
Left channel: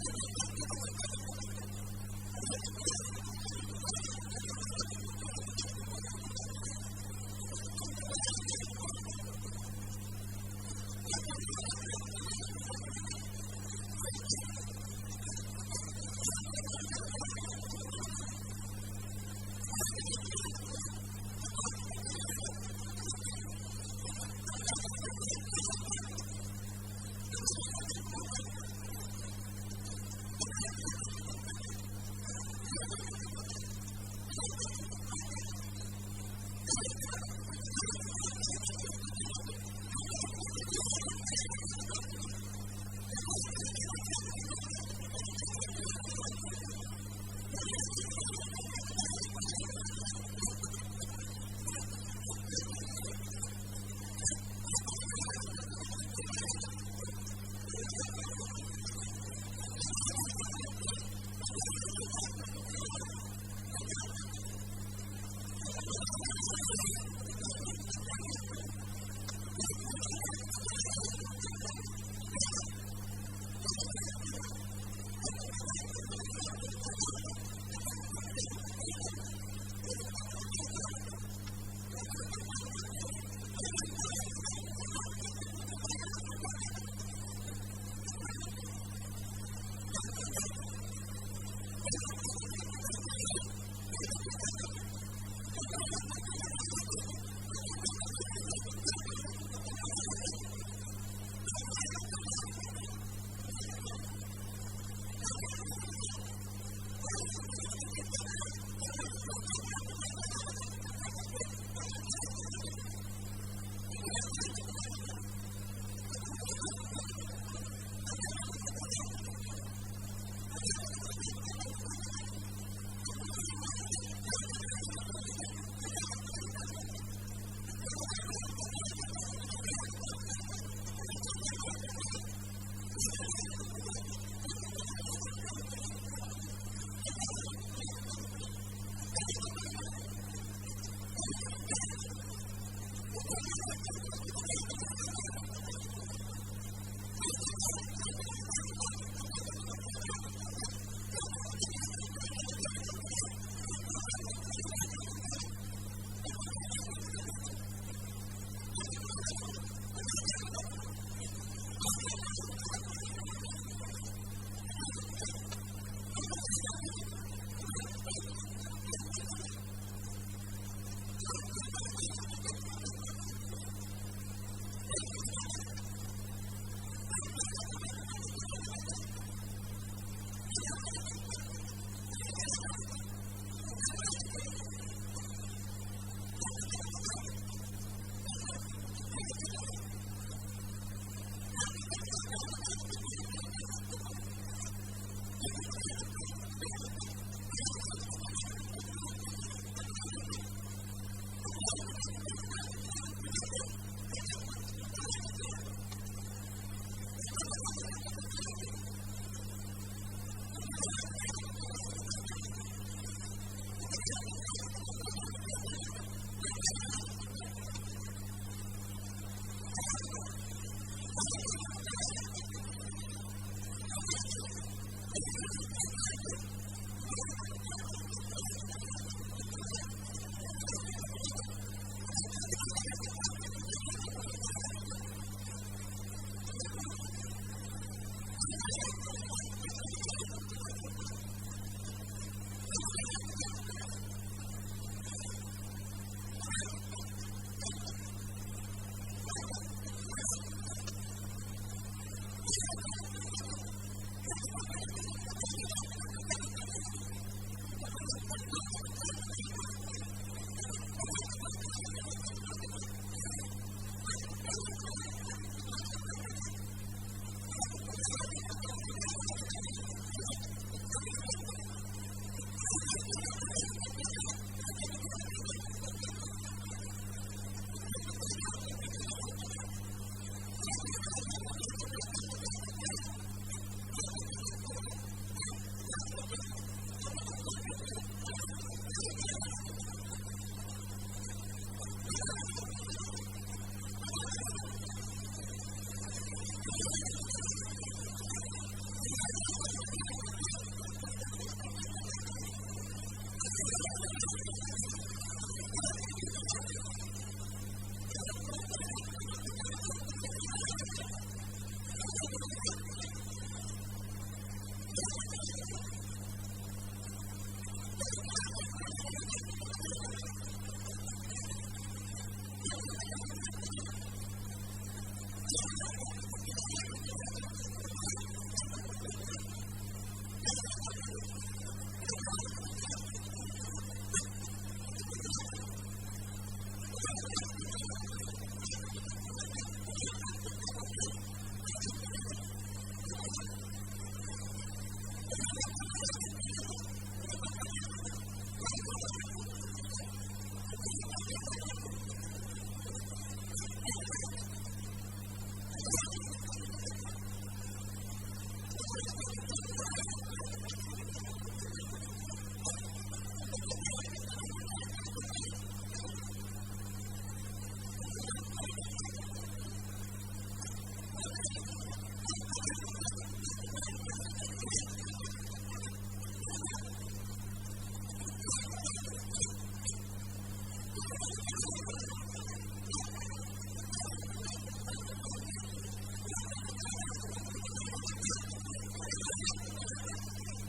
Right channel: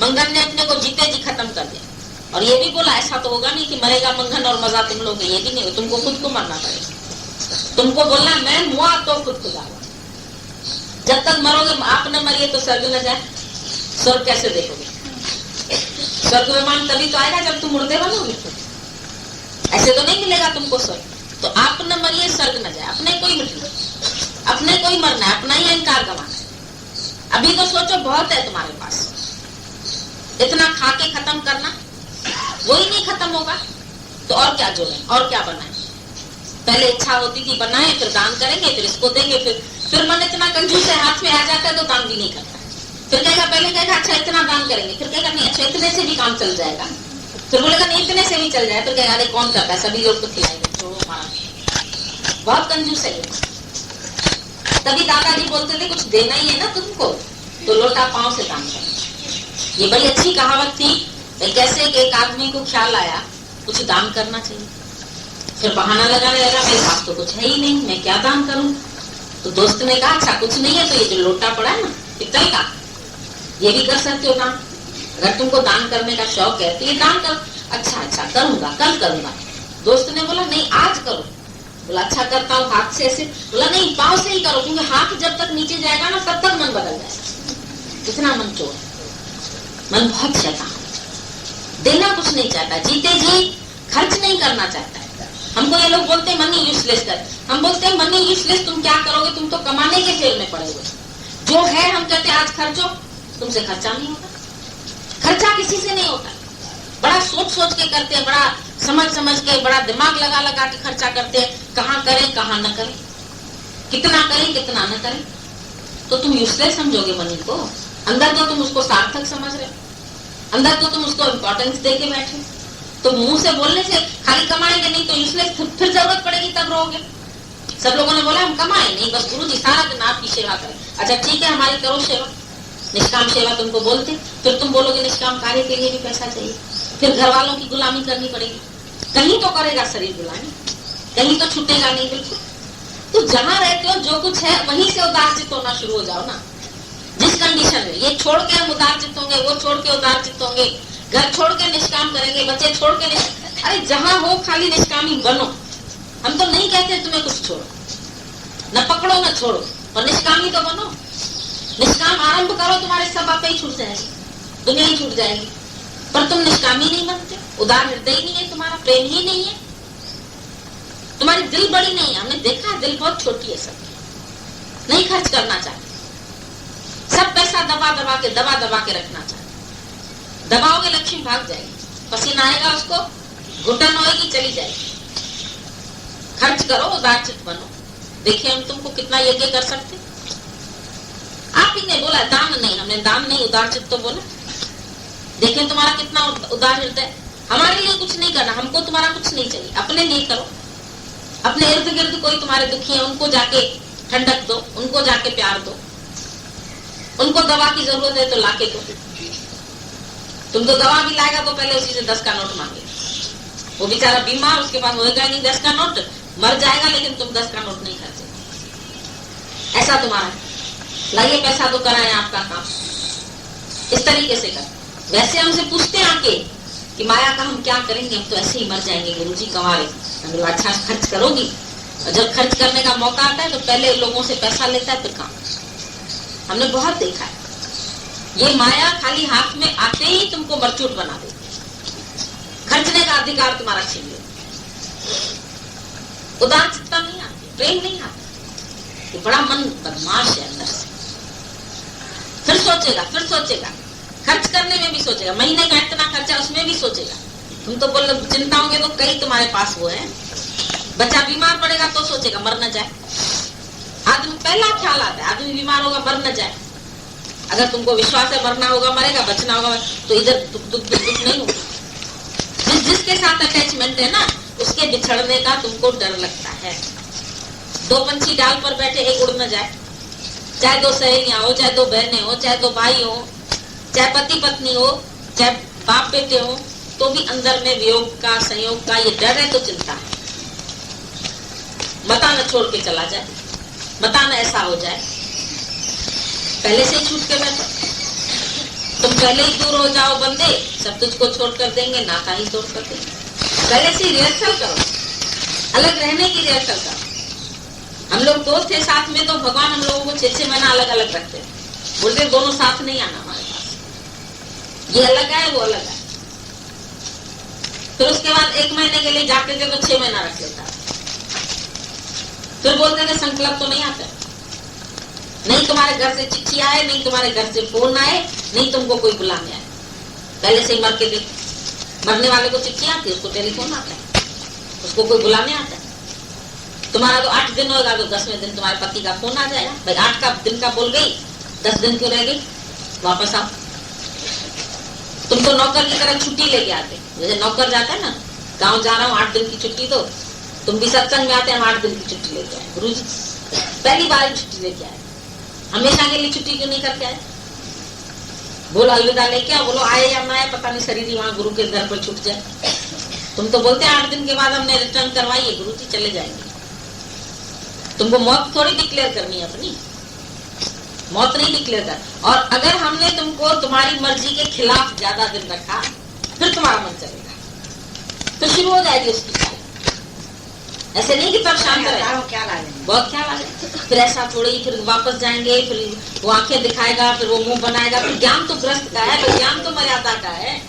मंगन ने अपने को जीते जी खत्म कर दिया। और ये भी बोला ऐसा तो होगा नहीं कि मरेगा मंगन और मजा तुम लोगे, ये भी नहीं, तुमको खुद को मरना पड़ेगा। तुमको बोलना मैं मुआ तो खुद को दावा। जब तक मरोगे, आप न मरिए तो स्वर्ग न जाए। स्वर्ग कैसे देखोगे? स्वर्ग विमान तभी तो आएगा जब तुम मुर्दे बनोगे, ऐसे तो नहीं मिलेगा तुमको स्वर्ग। तो आप न मरिए, स्वर्ग न जाए, अपने को ही मिटना, अपने को ही मरना है, अपना ही अहंकार गंवाना है। अभी तो सोचो बहुत है तुम्हारे पास, इतना खा के खत्म करना, वही नहीं खत्म होगा तो और क्या जोड़े, और क्या बनाए? पहले इच्छा होती थी बनाए, फिर दान करेंगे, फिर इसको देंगे, फिर मन इतना कंजूस है, हाथ में आ जाता है तो दान भी नहीं करता। फिर कहेगा, पहले कहेगा अच्छा इतना दान करेंगे, फिर कहेगा नहीं अच्छा इतने से भी काम चल जाएगा, फिर बोलेगा नहीं इतने से भी चल जाए, तो कहेगा अरे कौन करता है, सभी लोग तो खिलाएंगे, छोड़ो हमारा। बहुत कंजूस है ये। तभी दादाजी बोलते थे कुछ देना ही है ना तुमको तो लोटा पांव से दान करना। ये बड़ी अच्छी कहावत थी। कैसे एक आदमी को ख्याल आया कुछ दान करना चाहिए। फिर बहाना लगाने लगा, मेरे पास तो कुछ है ही नहीं, मैं क्या दान करूं। तो दोस्त ने कहा अच्छा कुछ नहीं है तो ये जो लोटा पड़ा है ना पित्तल का, ये भी कर सकते हो दान, अगर तुमको दान करने का शौक है तो ये दान कर। अच्छा करूंगा, कल करूंगा। दोस्त ने बोला नहीं आज करो। बोला अच्छा करता हूँ, हाथ से ऐसे। बोला नहीं पाँव से ही करो, क्योंकि हाथ जब तक नीचे जाएगा ना तब तक मन बदल जाएगा। कितना मन चोर, मन बहुत शैतान, देना कुछ नहीं चाहता, जीते जी खर्च नहीं करना चाहता है। हमको ये लोग बोलते हैं मनी यूजलेस कर, हम बोलते हैं मनी यूजलेस तुम क्या करोगे, तुम तो कमाने के फेर में पड़े हुए। जो है हम कहते हैं आज खर्चो, तुमसे खर्चा नहीं होता, खर्चा किसी से नहीं होता। बड़ा सोच सोच के करते हैं, बड़ा समझ समझ के, बड़ा दिमाग लगा लगा के खर्चा करते हैं, कहाँ करें कहाँ न करें, कितना करें कितना न करें। तो तुम यूजलेस समझोगे मनी को, अंदर तो तुम उसको सार्थक समझ रहे, अंदर तो तुम उसको इम्पोर्टेंस दे के बैठे। तो मुंह से बोलने से खाली कमाएंगे नहीं तो यूजलेस, फिर जरूरत पड़ेगी तब रहोगे। सब लोगों ने बोला हम कमाए नहीं, बस गुरुजी सारा दिन आपकी सेवा करें। अच्छा ठीक है हमारी करो सेवा, निष्काम सेवा तुमको बोलते, फिर तुम बोलोगे निष्काम कार्य के लिए भी पैसा चाहिए, फिर घर वालों की गुलामी करनी पड़ेगी। कहीं तो करेगा शरीर गुलामी, कहीं तो छूटेगा नहीं बिल्कुल। तो जहां रहते हो जो कुछ है वहीं से उदारचित होना शुरू हो जाओ ना। जिस कंडीशन में ये छोड़ के हम उदारचित होंगे, वो छोड़ के उदारचित होंगे, घर छोड़ के निष्काम करेंगे, बच्चे छोड़ के अरे जहां हो खाली निष्कामी बनो। हम तो नहीं कहते तुम्हें कुछ छोड़ो, न पकड़ो न छोड़ो, और निष्कामी तो बनो। निष्काम आरंभ करो, तुम्हारे सब आपे ही छूट जाएगी, दुनिया ही छूट जाएगी। पर तुम निष्कामी नहीं बनते, उदार हृदय नहीं है, तुम्हारा प्रेम ही नहीं है, तुम्हारी दिल बड़ी नहीं है। हमने देखा दिल बहुत छोटी है, सब नहीं खर्च करना चाहते, सब पैसा दबा दबा के रखना चाहते। दबाओगे लक्ष्मी भाग जाएगी, पसीना आएगा उसको, घुटन होएगी चली जाएगी। खर्च करो, उदारचित बनो। देखिए हम तुमको कितना यज्ञ कर सकते। आप ही ने बोला दान नहीं, हमने दान नहीं उदारचित तो बोला। देखिए तुम्हारा कितना उदार हृदय। हमारे लिए कुछ नहीं करना, हमको तुम्हारा कुछ नहीं चाहिए, अपने लिए करो। अपने इर्द गिर्द कोई तुम्हारे दुखी है उनको जाके ठंडक दो, उनको जाके प्यार दो, उनको दवा की जरूरत है तो लाके दो। तुमको दवा भी लाएगा तो पहले उसी से 10 का नोट मांगे। वो बेचारा बीमार, उसके पास होएगा नहीं 10 का नोट, मर जाएगा, लेकिन तुम 10 का नोट नहीं खर्चे। ऐसा तुम्हारा है, लाइए पैसा तो कराए आपका काम, इस तरीके से कर। वैसे हमसे पूछते आके कि माया का हम क्या करेंगे, हम तो ऐसे ही मर जाएंगे गुरुजी कमा रहे। अच्छा खर्च करोगी, और जब खर्च करने का मौका आता है तो पहले लोगों से पैसा लेता है फिर काम। हमने बहुत देखा है, ये माया खाली हाथ में आते ही तुमको मरचूट बना देती, खर्चने का अधिकार तुम्हारा छीन ले। उदारचित्ता नहीं आती, प्रेम नहीं आता, ये बड़ा मन बदमाश है अंदर से। फिर सोचेगा, खर्च करने में भी सोचेगा, महीने का इतना खर्चा उसमें भी सोचेगा। तुम तो बोल चिंता होंगे तो कई तुम्हारे पास वो है। बच्चा बीमार पड़ेगा तो सोचेगा मर न जाए। आदमी पहला ख्याल आता है, आदमी बीमार होगा मर न जाए। अगर तुमको विश्वास है मरना होगा मरेगा, बचना होगा तो इधर दुख नहीं होगा। जिसके साथ अटैचमेंट है ना, उसके बिछड़ने का तुमको डर लगता है। 2 पंछी डाल पर बैठे, एक उड़ न जाए, चाहे 2 सहेलियां हो, चाहे 2 बहनें हो, चाहे 2 भाई हो, चाहे पति पत्नी हो, चाहे बाप बेटे हो, तो भी अंदर में वियोग का, संयोग का ये डर है तो चिंता है। मता न छोड़ के चला जाए, मता न ऐसा हो जाए, पहले से ही छूट के बैठो। तुम पहले ही दूर हो जाओ बंदे, सब तुझको छोड़ कर देंगे, नाता ही तोड़ कर देंगे। पहले से रिहर्सल करो, अलग रहने की रिहर्सल करो। हम लोग 2 थे साथ में तो भगवान हम लोगों को 6-6 महीना अलग अलग रखते थे, बोलते दोनों साथ नहीं आना हमारे पास, ये अलग है वो अलग है। फिर उसके बाद 1 महीने के लिए जाते थे तो 6 महीना रख लेता, फिर बोलते थे संकल्प तो नहीं आता, नहीं तुम्हारे घर से चिट्ठी आए, नहीं तुम्हारे घर से फोन आए, नहीं तुमको कोई बुलाने आए। पहले से ही मर के देख, मरने वाले को चिट्ठी आती है, उसको टेलीफोन आता है, उसको कोई बुलाने आता है। तुम्हारा तो 8 दिन होगा तो 10वें दिन तुम्हारे पति का फोन आ जाएगा, भाई 8 दिन का बोल गई, 10 दिन क्यों रह गई, वापस आओ। तुम तो नौकर की तरह छुट्टी लेके आते, जैसे नौकर जाता है ना, गाँव जा रहा हूँ 8 दिन की छुट्टी दो, तुम भी सत्संग में आते हैं 8 दिन की छुट्टी लेके आए। गुरु जी पहली बार छुट्टी लेके आए, हमेशा के लिए छुट्टी क्यों नहीं करके आए? बोलो अलविदा लेके आओ, बोलो आए या ना आए पता नहीं, शरीर ही वहां गुरु के घर पर छूट जाए। तुम तो बोलते 8 दिन के बाद हमने रिटर्न करवाइए गुरुजी, चले जाएंगे। तुमको मौत थोड़ी डिक्लेयर करनी है अपनी, मौत नहीं डिक्लेयर कर। और अगर हमने तुमको तुम्हारी मर्जी के खिलाफ ज्यादा दिन रखा, फिर तुम्हारा मन चलेगा, फिर शुरू हो जाएगी उसकी चाल। ऐसे नहीं कि तब शांत रहे, बहुत ख्याल आ जाए। फिर ऐसा थोड़ी, फिर वापस जाएंगे, फिर वो आंखें दिखाएगा, फिर वो मुंह बनाएगा। फिर ज्ञान तो ग्रस्त का है, फिर ज्ञान तो मर्यादा का है।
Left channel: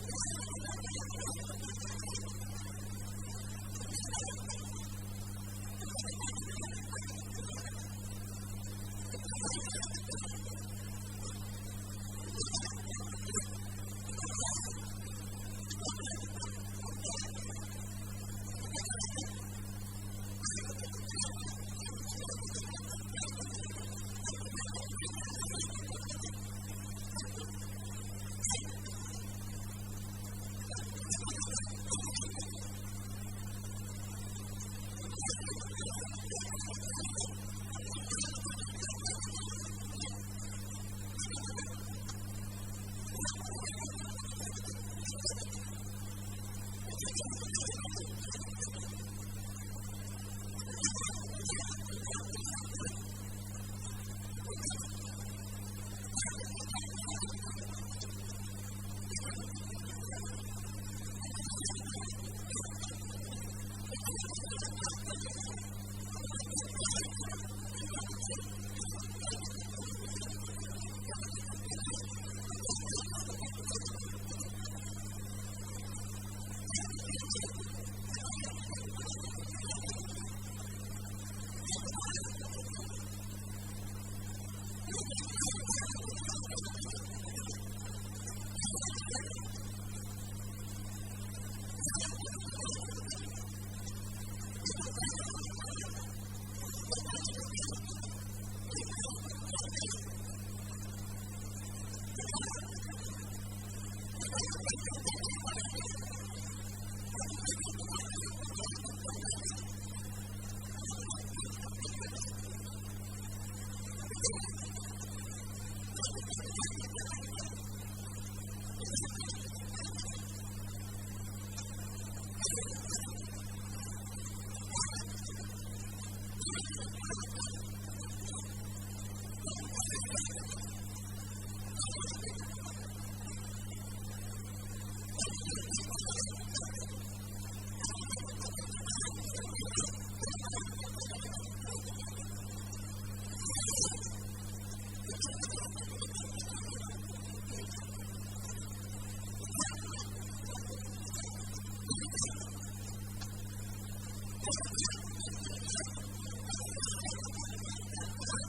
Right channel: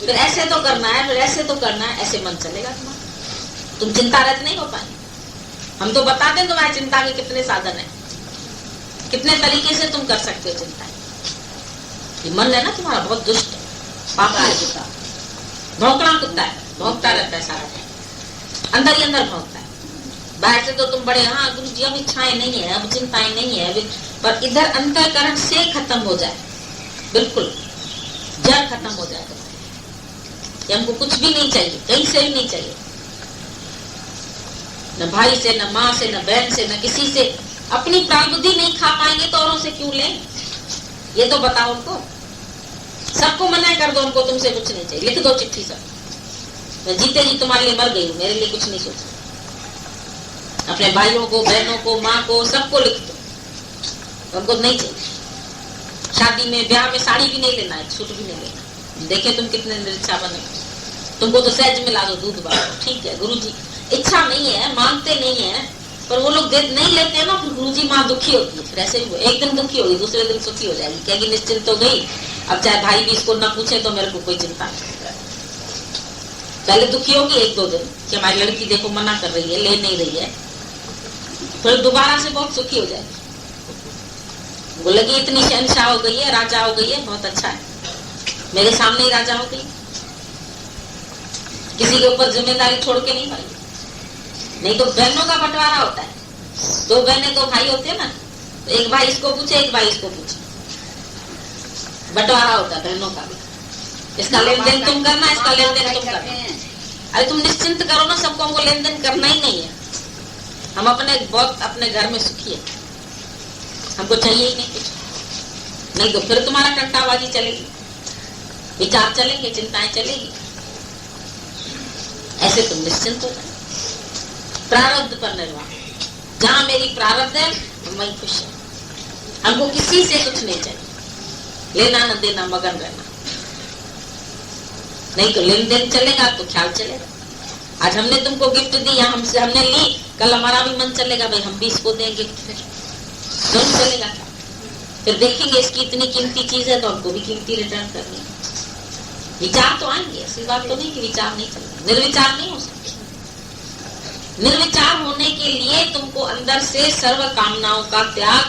फिर ऐसे तो करना है, फिर ऐसे तो करना है, ऐसे मन चलेगा तुम्हारा। तुम चिंता रहित नहीं हो पाएंगे। हम तो बता दें तुम्हारी चिंता के कितने साधन है, कितने तरीके से तुम कर सकते हो चिंता। ये मन है ना तुम्हारा, बहुत दुष्ट है, पापा है, कुत्ता, भौंकना कुत्ता है, भौंकता रहता है सारा टाइम, अंदर ही अंदर भौंकता है। बाहर से तो तुम बड़े, हाँ गुरु जी अब इच्छाएं नहीं है, अब चिंताएं नहीं है, पर इधर अंतःकरण से खत्म हो जाए, बिल्कुल जड़ खत्म हो जाए कि हमको कुछ भी नहीं चाहिए, कहीं से भी नहीं चाहिए, न भाई से, न माँ से, न बहन से, न किसी से। अपनी प्रारब्धि नहीं खा पाएंगे तो औरों से क्यों लें? ये तो बताओ उनको। सबको मना कर दो, उनको तुमसे कुछ नहीं चाहिए, लिख दो चिट्ठी सब, मैं जीते जी तुम्हारे लिए मर गई हूँ, मेरे लिए कुछ नहीं सोचा। अपने भाइयों को, बहनों को, माँ को, सबको लिख दो, उनको नहीं चाहिए। शादी में, ब्याह में साड़ी भी नहीं लेना है, सूट भी नहीं लेना। देखे तुम कितने निरीक्षा बने। तुमको तो सहज मिला दो, दूध बांटो, ठीक है गुरुजी, इच्छा नहीं है, मांगते नहीं है, पर वो लोग नहीं लेते हैं ना, फिर गुरुजी माँ दुखी होती है। फिर ऐसे ही एक दिन दुखी होगी, दूसरे दिन सुखी हो जाएगी, कहेगी निश्चिंत हो गई, अब चाहे भाई भी इसको ना पूछे तो मेरे को कोई चिंता नहीं। पहले दुखी होगी 1-2 दिन कि हमारी लड़की देखो मना कर रही है, ले नहीं रही है, फिर दोबारा से बहुत सुखी हो जाएगी। वो लगी इतनी शहंशाह हो गई है, राजा हो गई है, बहुत अच्छा है, मेरे सामने ही राजा हो गई, किसी के ऊपर जिम्मेदारी छोड़ के नहीं पाई। नहीं तो बहनों का बंटवारा होता है, 2 बहनें 2 भाई होते हैं ना, तो एक भाई इसको पूछे, एक भाई इसको पूछे, बंटवारा होता है बहनों का भी। इसका लेन देन तुम करना, इसका लेन देन तुम करना। अरे तुम निश्चिंत करो ना, सबको हमको लेन देन करना ही नहीं है। हम बहुत अपने घर में सुखी है, हमको चाहिए ही नहीं कुछ। नहीं तो फिर तुम्हारा टंटाबाजी चलेगी, विचार चलेंगे, चिंताएं चलेगी। ऐसे तुम निश्चिंत हो जाए। प्रारब्ध पर निर्वाह, जहां मेरी प्रारब्ध है वही खुश है। हमको किसी से कुछ नहीं चाहिए, लेना न देना, मगन रहना। नहीं तो लेन देन चलेगा तो ख्याल चलेगा। आज हमने तुमको गिफ्ट दी, हमने ली, कल हमारा भी मन चलेगा भाई हम भी इसको दें गिफ्ट, फिर दोनों चलेगा। फिर देखेंगे इसकी इतनी कीमती चीज है तो हमको भी कीमती रिटर्न करनी है। विचार तो आएंगे, ऐसी बात तो नहीं कि विचार नहीं चलेगा, निर्विचार नहीं हो सकते। निर्विचार होने के लिए तुमको अंदर से सर्व कामनाओं का त्याग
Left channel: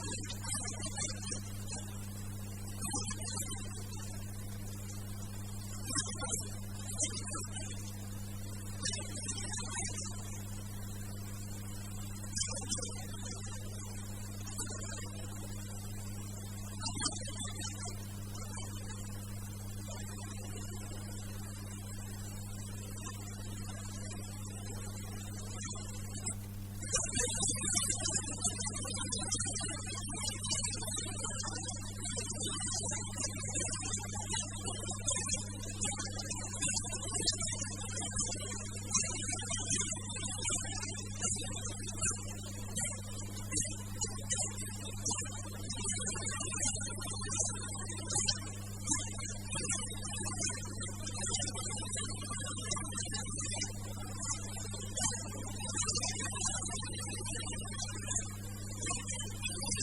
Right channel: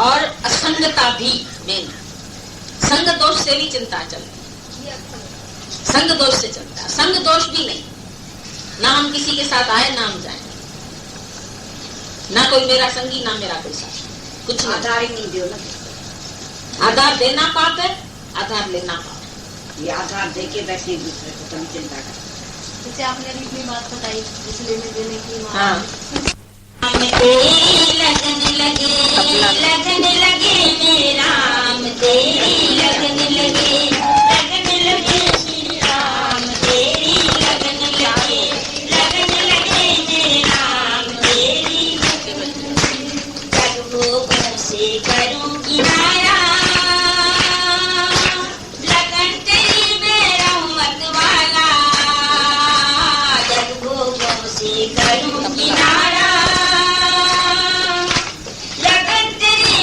और असंगता भी मेन। संग दोष से भी चिंता चलती है, संग दोष से चलता है, संग दोष भी नहीं, ना हम किसी के साथ आए ना हम जाए, ना कोई मेरा संगी ना मेरा कोई साथी, कुछ आधार ही नहीं दियो ना। आधार देना पाप है, आधार लेना पाप है। ये आधार देके बैठे दूसरे को कभी चिंता कर। जैसे आपने अभी अपनी बात बताई, इसलिए देने की लगन लगे मेरा राम, तेरी लगन लगे, लगन लगे श्री राम, तेरी लगन लगे, लगन लगे मेरा राम, तेरी जग भोग से करूं किनारा, लगन तेरी मेरा मत वाला, जग भोगों से करूं किनारा, लगन तेरी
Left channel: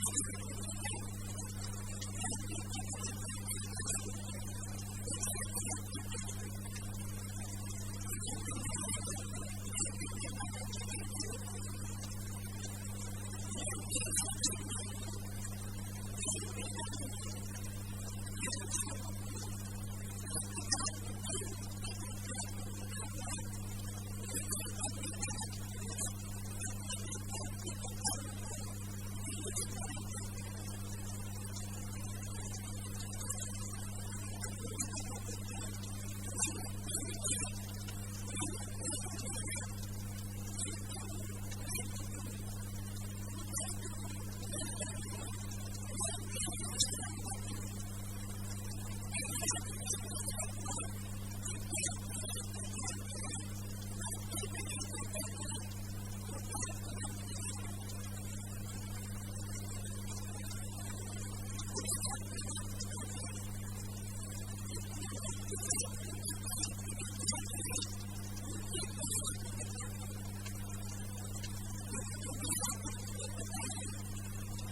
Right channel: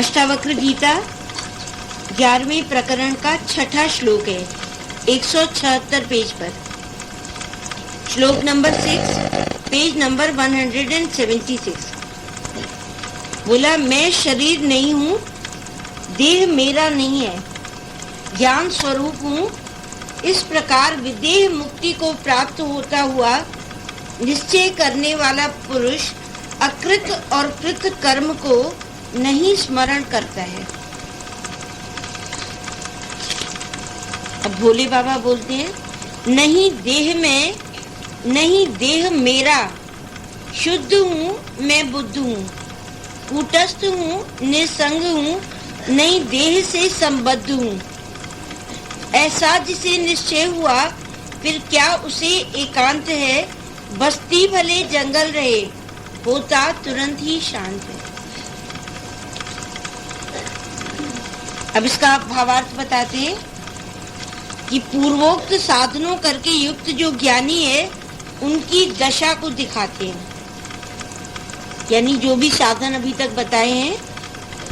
अष्टावक्र गीता 11वें प्रकरण का 6ठा श्लोक है, 176 पेज पर। श्लोक नंबर 6, पेज नंबर 176। बोला, मैं शरीर नहीं हूँ, देह मेरा नहीं है, ज्ञान स्वरूप हूँ। इस प्रकार विदेह मुक्ति को प्राप्त होता हुआ निश्चय करने वाला पुरुष अकृत और कृत कर्म को नहीं स्मरण करता है। अब भोले बाबा बोलते हैं, नहीं देह में, नहीं देह मेरा, शुद्ध हूँ मैं, बुद्ध हूँ, कूटस्थ हूँ, निसंग हूँ, नहीं देह से संबद्ध हूँ। ऐसा जिसे निश्चय हुआ, फिर क्या उसे एकांत है, बस्ती भले जंगल रहे, होता तुरंत ही शांत है। अब इसका भावार्थ बताते हैं कि पूर्वोक्त साधनों करके युक्त जो ज्ञानी है, उनकी दशा को दिखाते हैं। यानी जो भी साधन अभी तक बताए हैं,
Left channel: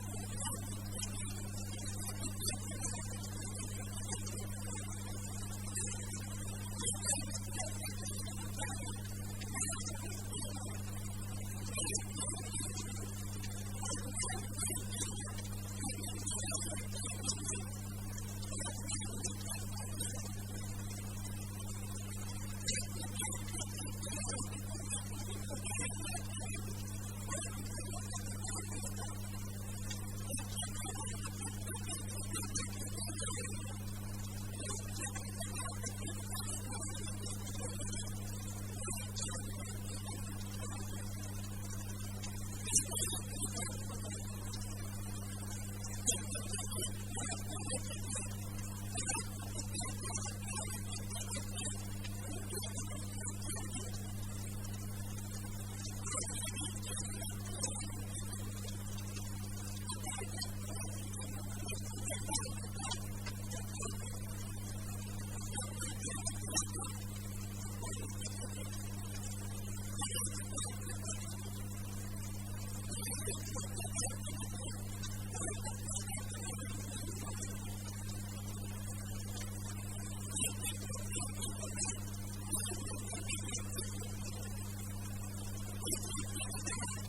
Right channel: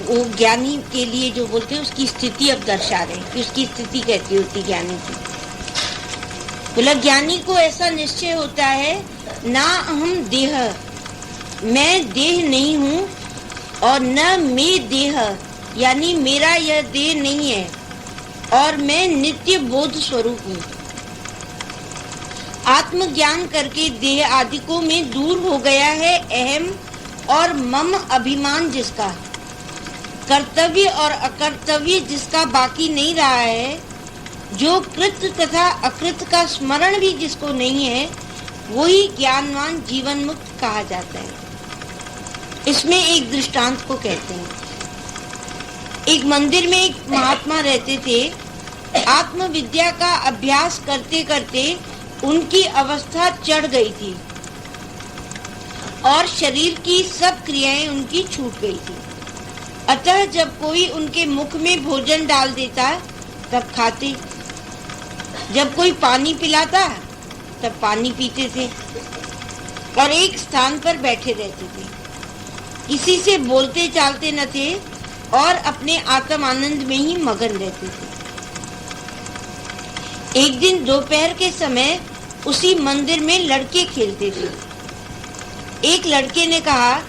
वो ज्ञानी के लिए जो बोलते हैं उसकी स्थिति अब दर्शा रहे हैं कि उसकी स्थिति कैसी होती ज्ञानी की। बोला, ज्ञानी को ऐसा निश्चय होता है, ना हम देह, मैं देह नहीं हूँ, और न मैं देह, यानी मेरा यह देह नहीं है, और मैं नित्य बोध स्वरूप हूँ। आत्मज्ञान करके देह आदिकों में दूर हो गया है अहम और मम अभिमान, जिसका कर्तव्य और अकर्तव्य जिसका बाकी नहीं रहा है, जो कृत तथा अकृत का स्मरण भी जिसको नहीं है, वही ज्ञानवान जीवन मुक्त कहा जाता है। इसमें एक दृष्टांत को कहते हैं। एक मंदिर में एक महात्मा रहते थे। आत्मविद्या का अभ्यास करते करते उनकी अवस्था चढ़ गई थी और शरीर की सब क्रियाएं उनकी छूट गई थी। अतः जब कोई उनके मुख में भोजन डाल देता तब खाते, जब कोई पानी पिलाता तब पानी पीते थे, और एक स्थान पर बैठे रहते थे। किसी से बोलते चालते न थे और अपने आत्म आनंद में ही मगन रहते थे। एक दिन दोपहर के समय उसी मंदिर में लड़के खेलते थे। एक लड़के ने कहा,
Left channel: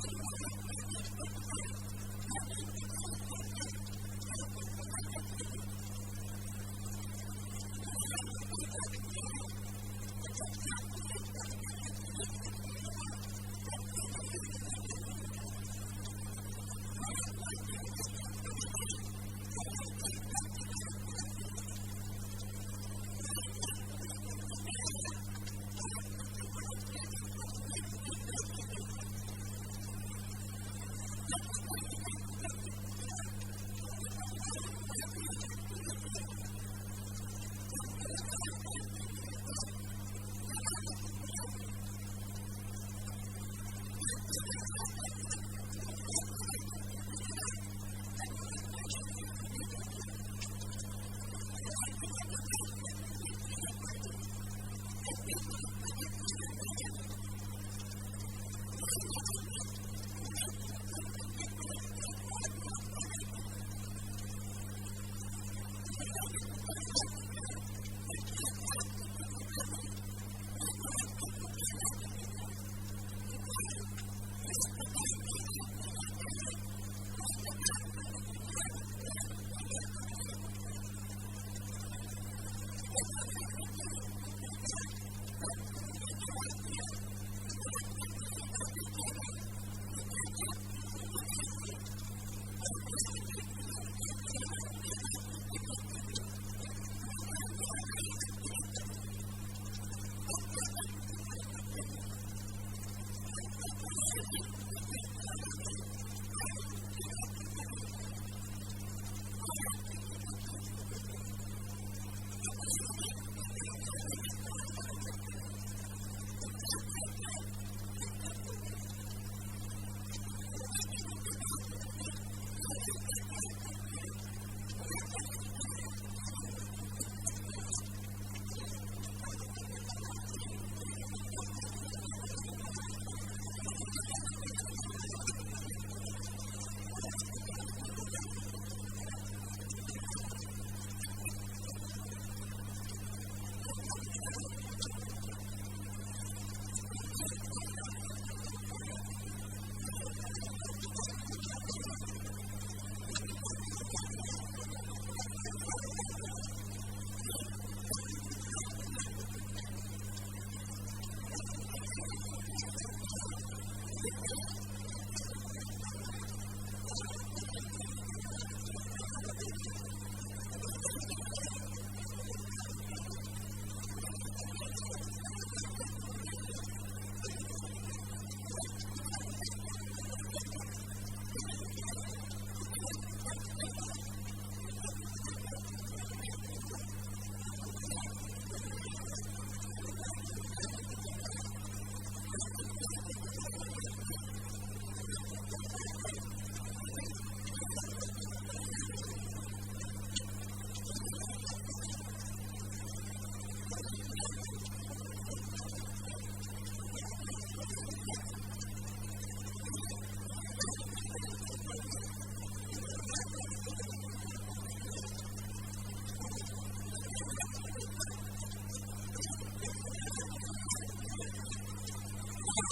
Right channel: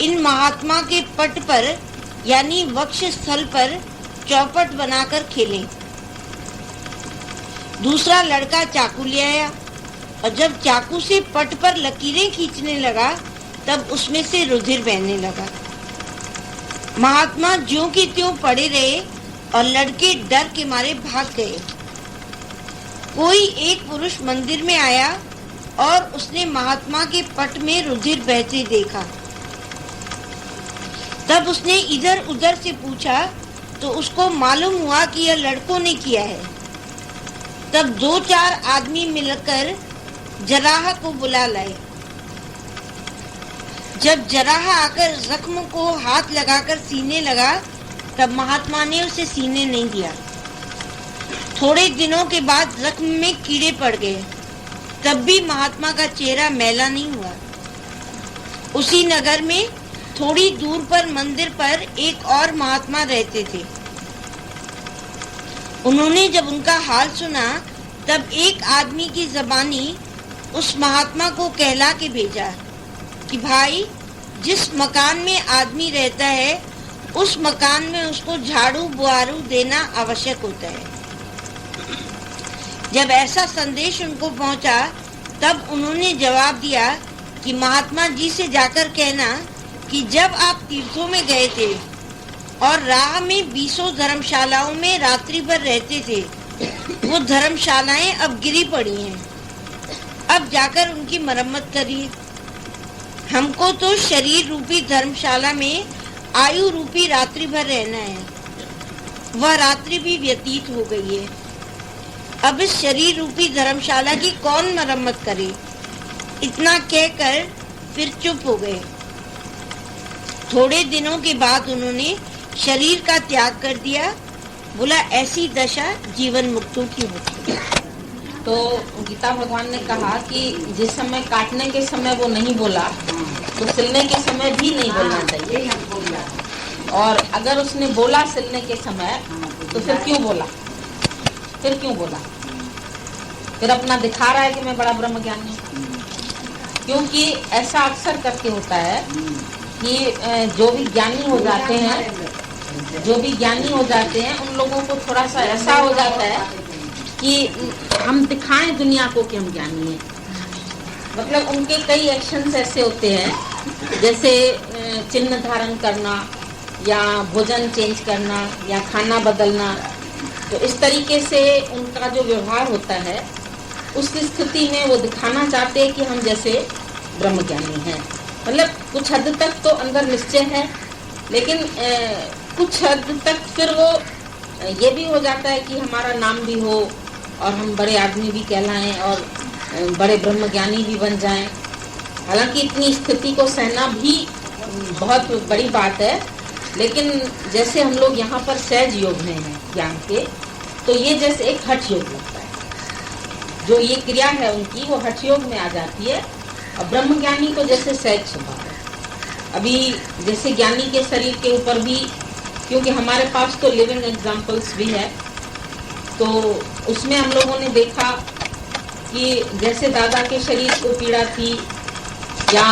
इन महात्मा के पट पर यानी वक्ष स्थल पर चौपट बनाकर खेलें। दूसरा लड़का चाकू ले आया और जब चाकू से पट पर लकीरें खींचने लगा तब उसमें से रुधिर बहने लगा। महात्मा ज्यों की त्यों पड़े रहे और लड़के डर के मारे भाग गए। कोई एक पुरुष मंदिर में आया और उसने महात्मा के पट में रुधिर बहते देखा। तब उसने इधर उधर से पूछा तो उसको मालूम हुआ कि यह लड़कों ने किया है। तब 2-4 आदमी मिलकर जराह को बुला लाए। जब जराह आकर जख्म को हाथ लगाकर सीने लगा तब महात्मा ने उसे सीने नहीं दिया। थोड़े दिनों के बाद जख्म में कीड़े पड़ गए, तब भी महात्मा का चेहरा मैला नहीं हुआ। उसी नगर में थोड़ी दूर पर मंदिर पर एक और महात्मा रहते थे। उन्होंने जब उनका हाल सुना तब एक आदमी की जबानी उस महात्मा को कहला के भेजा कि भाई, जिस मकान में आदमी रहता है उस मकान में उसको झाड़ू बुआरू देना आवश्यक होता है। जब ऐसा संदेश उनको पहुंचा तब उन्होंने जवाब दिया कि महात्मा जी से जाकर कहना कि जब आप तीर्थों में गए थे और राह में 20 धर्मशालाओं में रात्रि भर रहते थे, वो धर्मशालाएं अब गिरी पड़ी हैं। अब जाकर उनकी मरम्मत करिए। हमको तो शरीर रूपी धर्मशाला में आयु रूपी रात्रि भर रहना है। वह रात्रि भी व्यतीत हो गई है। अब इस शरीर रूपी धर्मशाला की कौन मरम्मत करे? इतना कहकर फिर चुप हो गए। थोड़े दिनों के बाद उन्होंने शरीर का त्याग कर दिया। बोला, ऐसी दशा जीवन मुक्तों की होती है। तो गीता भगवान ने कहा कि जिस समय काटने के समय वो नहीं बोला तो सिलने के समय भी नहीं बोलना चाहिए। और अगर उसने बोला सिलने के समय तो फिर क्यों बोला? फिर अपना दिखा रहा है कि मैं बड़ा ब्रह्मज्ञानी हूँ। क्योंकि ऐसा अक्सर करके होता है कि जो भी ज्ञानी हो जाते हैं उन लोगों को थोड़ा सा ऐसा हो जाता है कि हम दिखाएं दुनिया को कि हम ज्ञानी हैं। मतलब उनके कई एक्शंस ऐसे होते हैं, जैसे चिन्ह धारण करना या भोजन चेंज करना या खाना बदलना। तो इस तरीके से उनका जो व्यवहार होता है, उस स्थिति में वो दिखाना चाहते हैं कि हम जैसे ब्रह्मज्ञानी हैं। मतलब कुछ हद तक तो अंदर निश्चय है, लेकिन कुछ हद तक फिर वो ये भी हो जाता है कि हमारा नाम भी हो और हम बड़े आदमी भी कहलाएं और बड़े ब्रह्मज्ञानी भी बन जाएं। हालांकि इतनी स्थिति को सहना भी बहुत बड़ी बात है, लेकिन जैसे हम लोग यहाँ पर सहज योग में हैं ज्ञान के, तो ये जैसे एक हठ योग लगता है। जो ये क्रिया है उनकी वो हठ योग में आ जाती है, और ब्रह्मज्ञानी को जैसे सहज स्वभाव है। अभी जैसे ज्ञानी के शरीर के ऊपर भी, क्योंकि हमारे पास तो लिविंग एग्जाम्पल्स भी है, तो उसमें हम लोगों ने देखा कि जैसे दादा के शरीर को पीड़ा थी या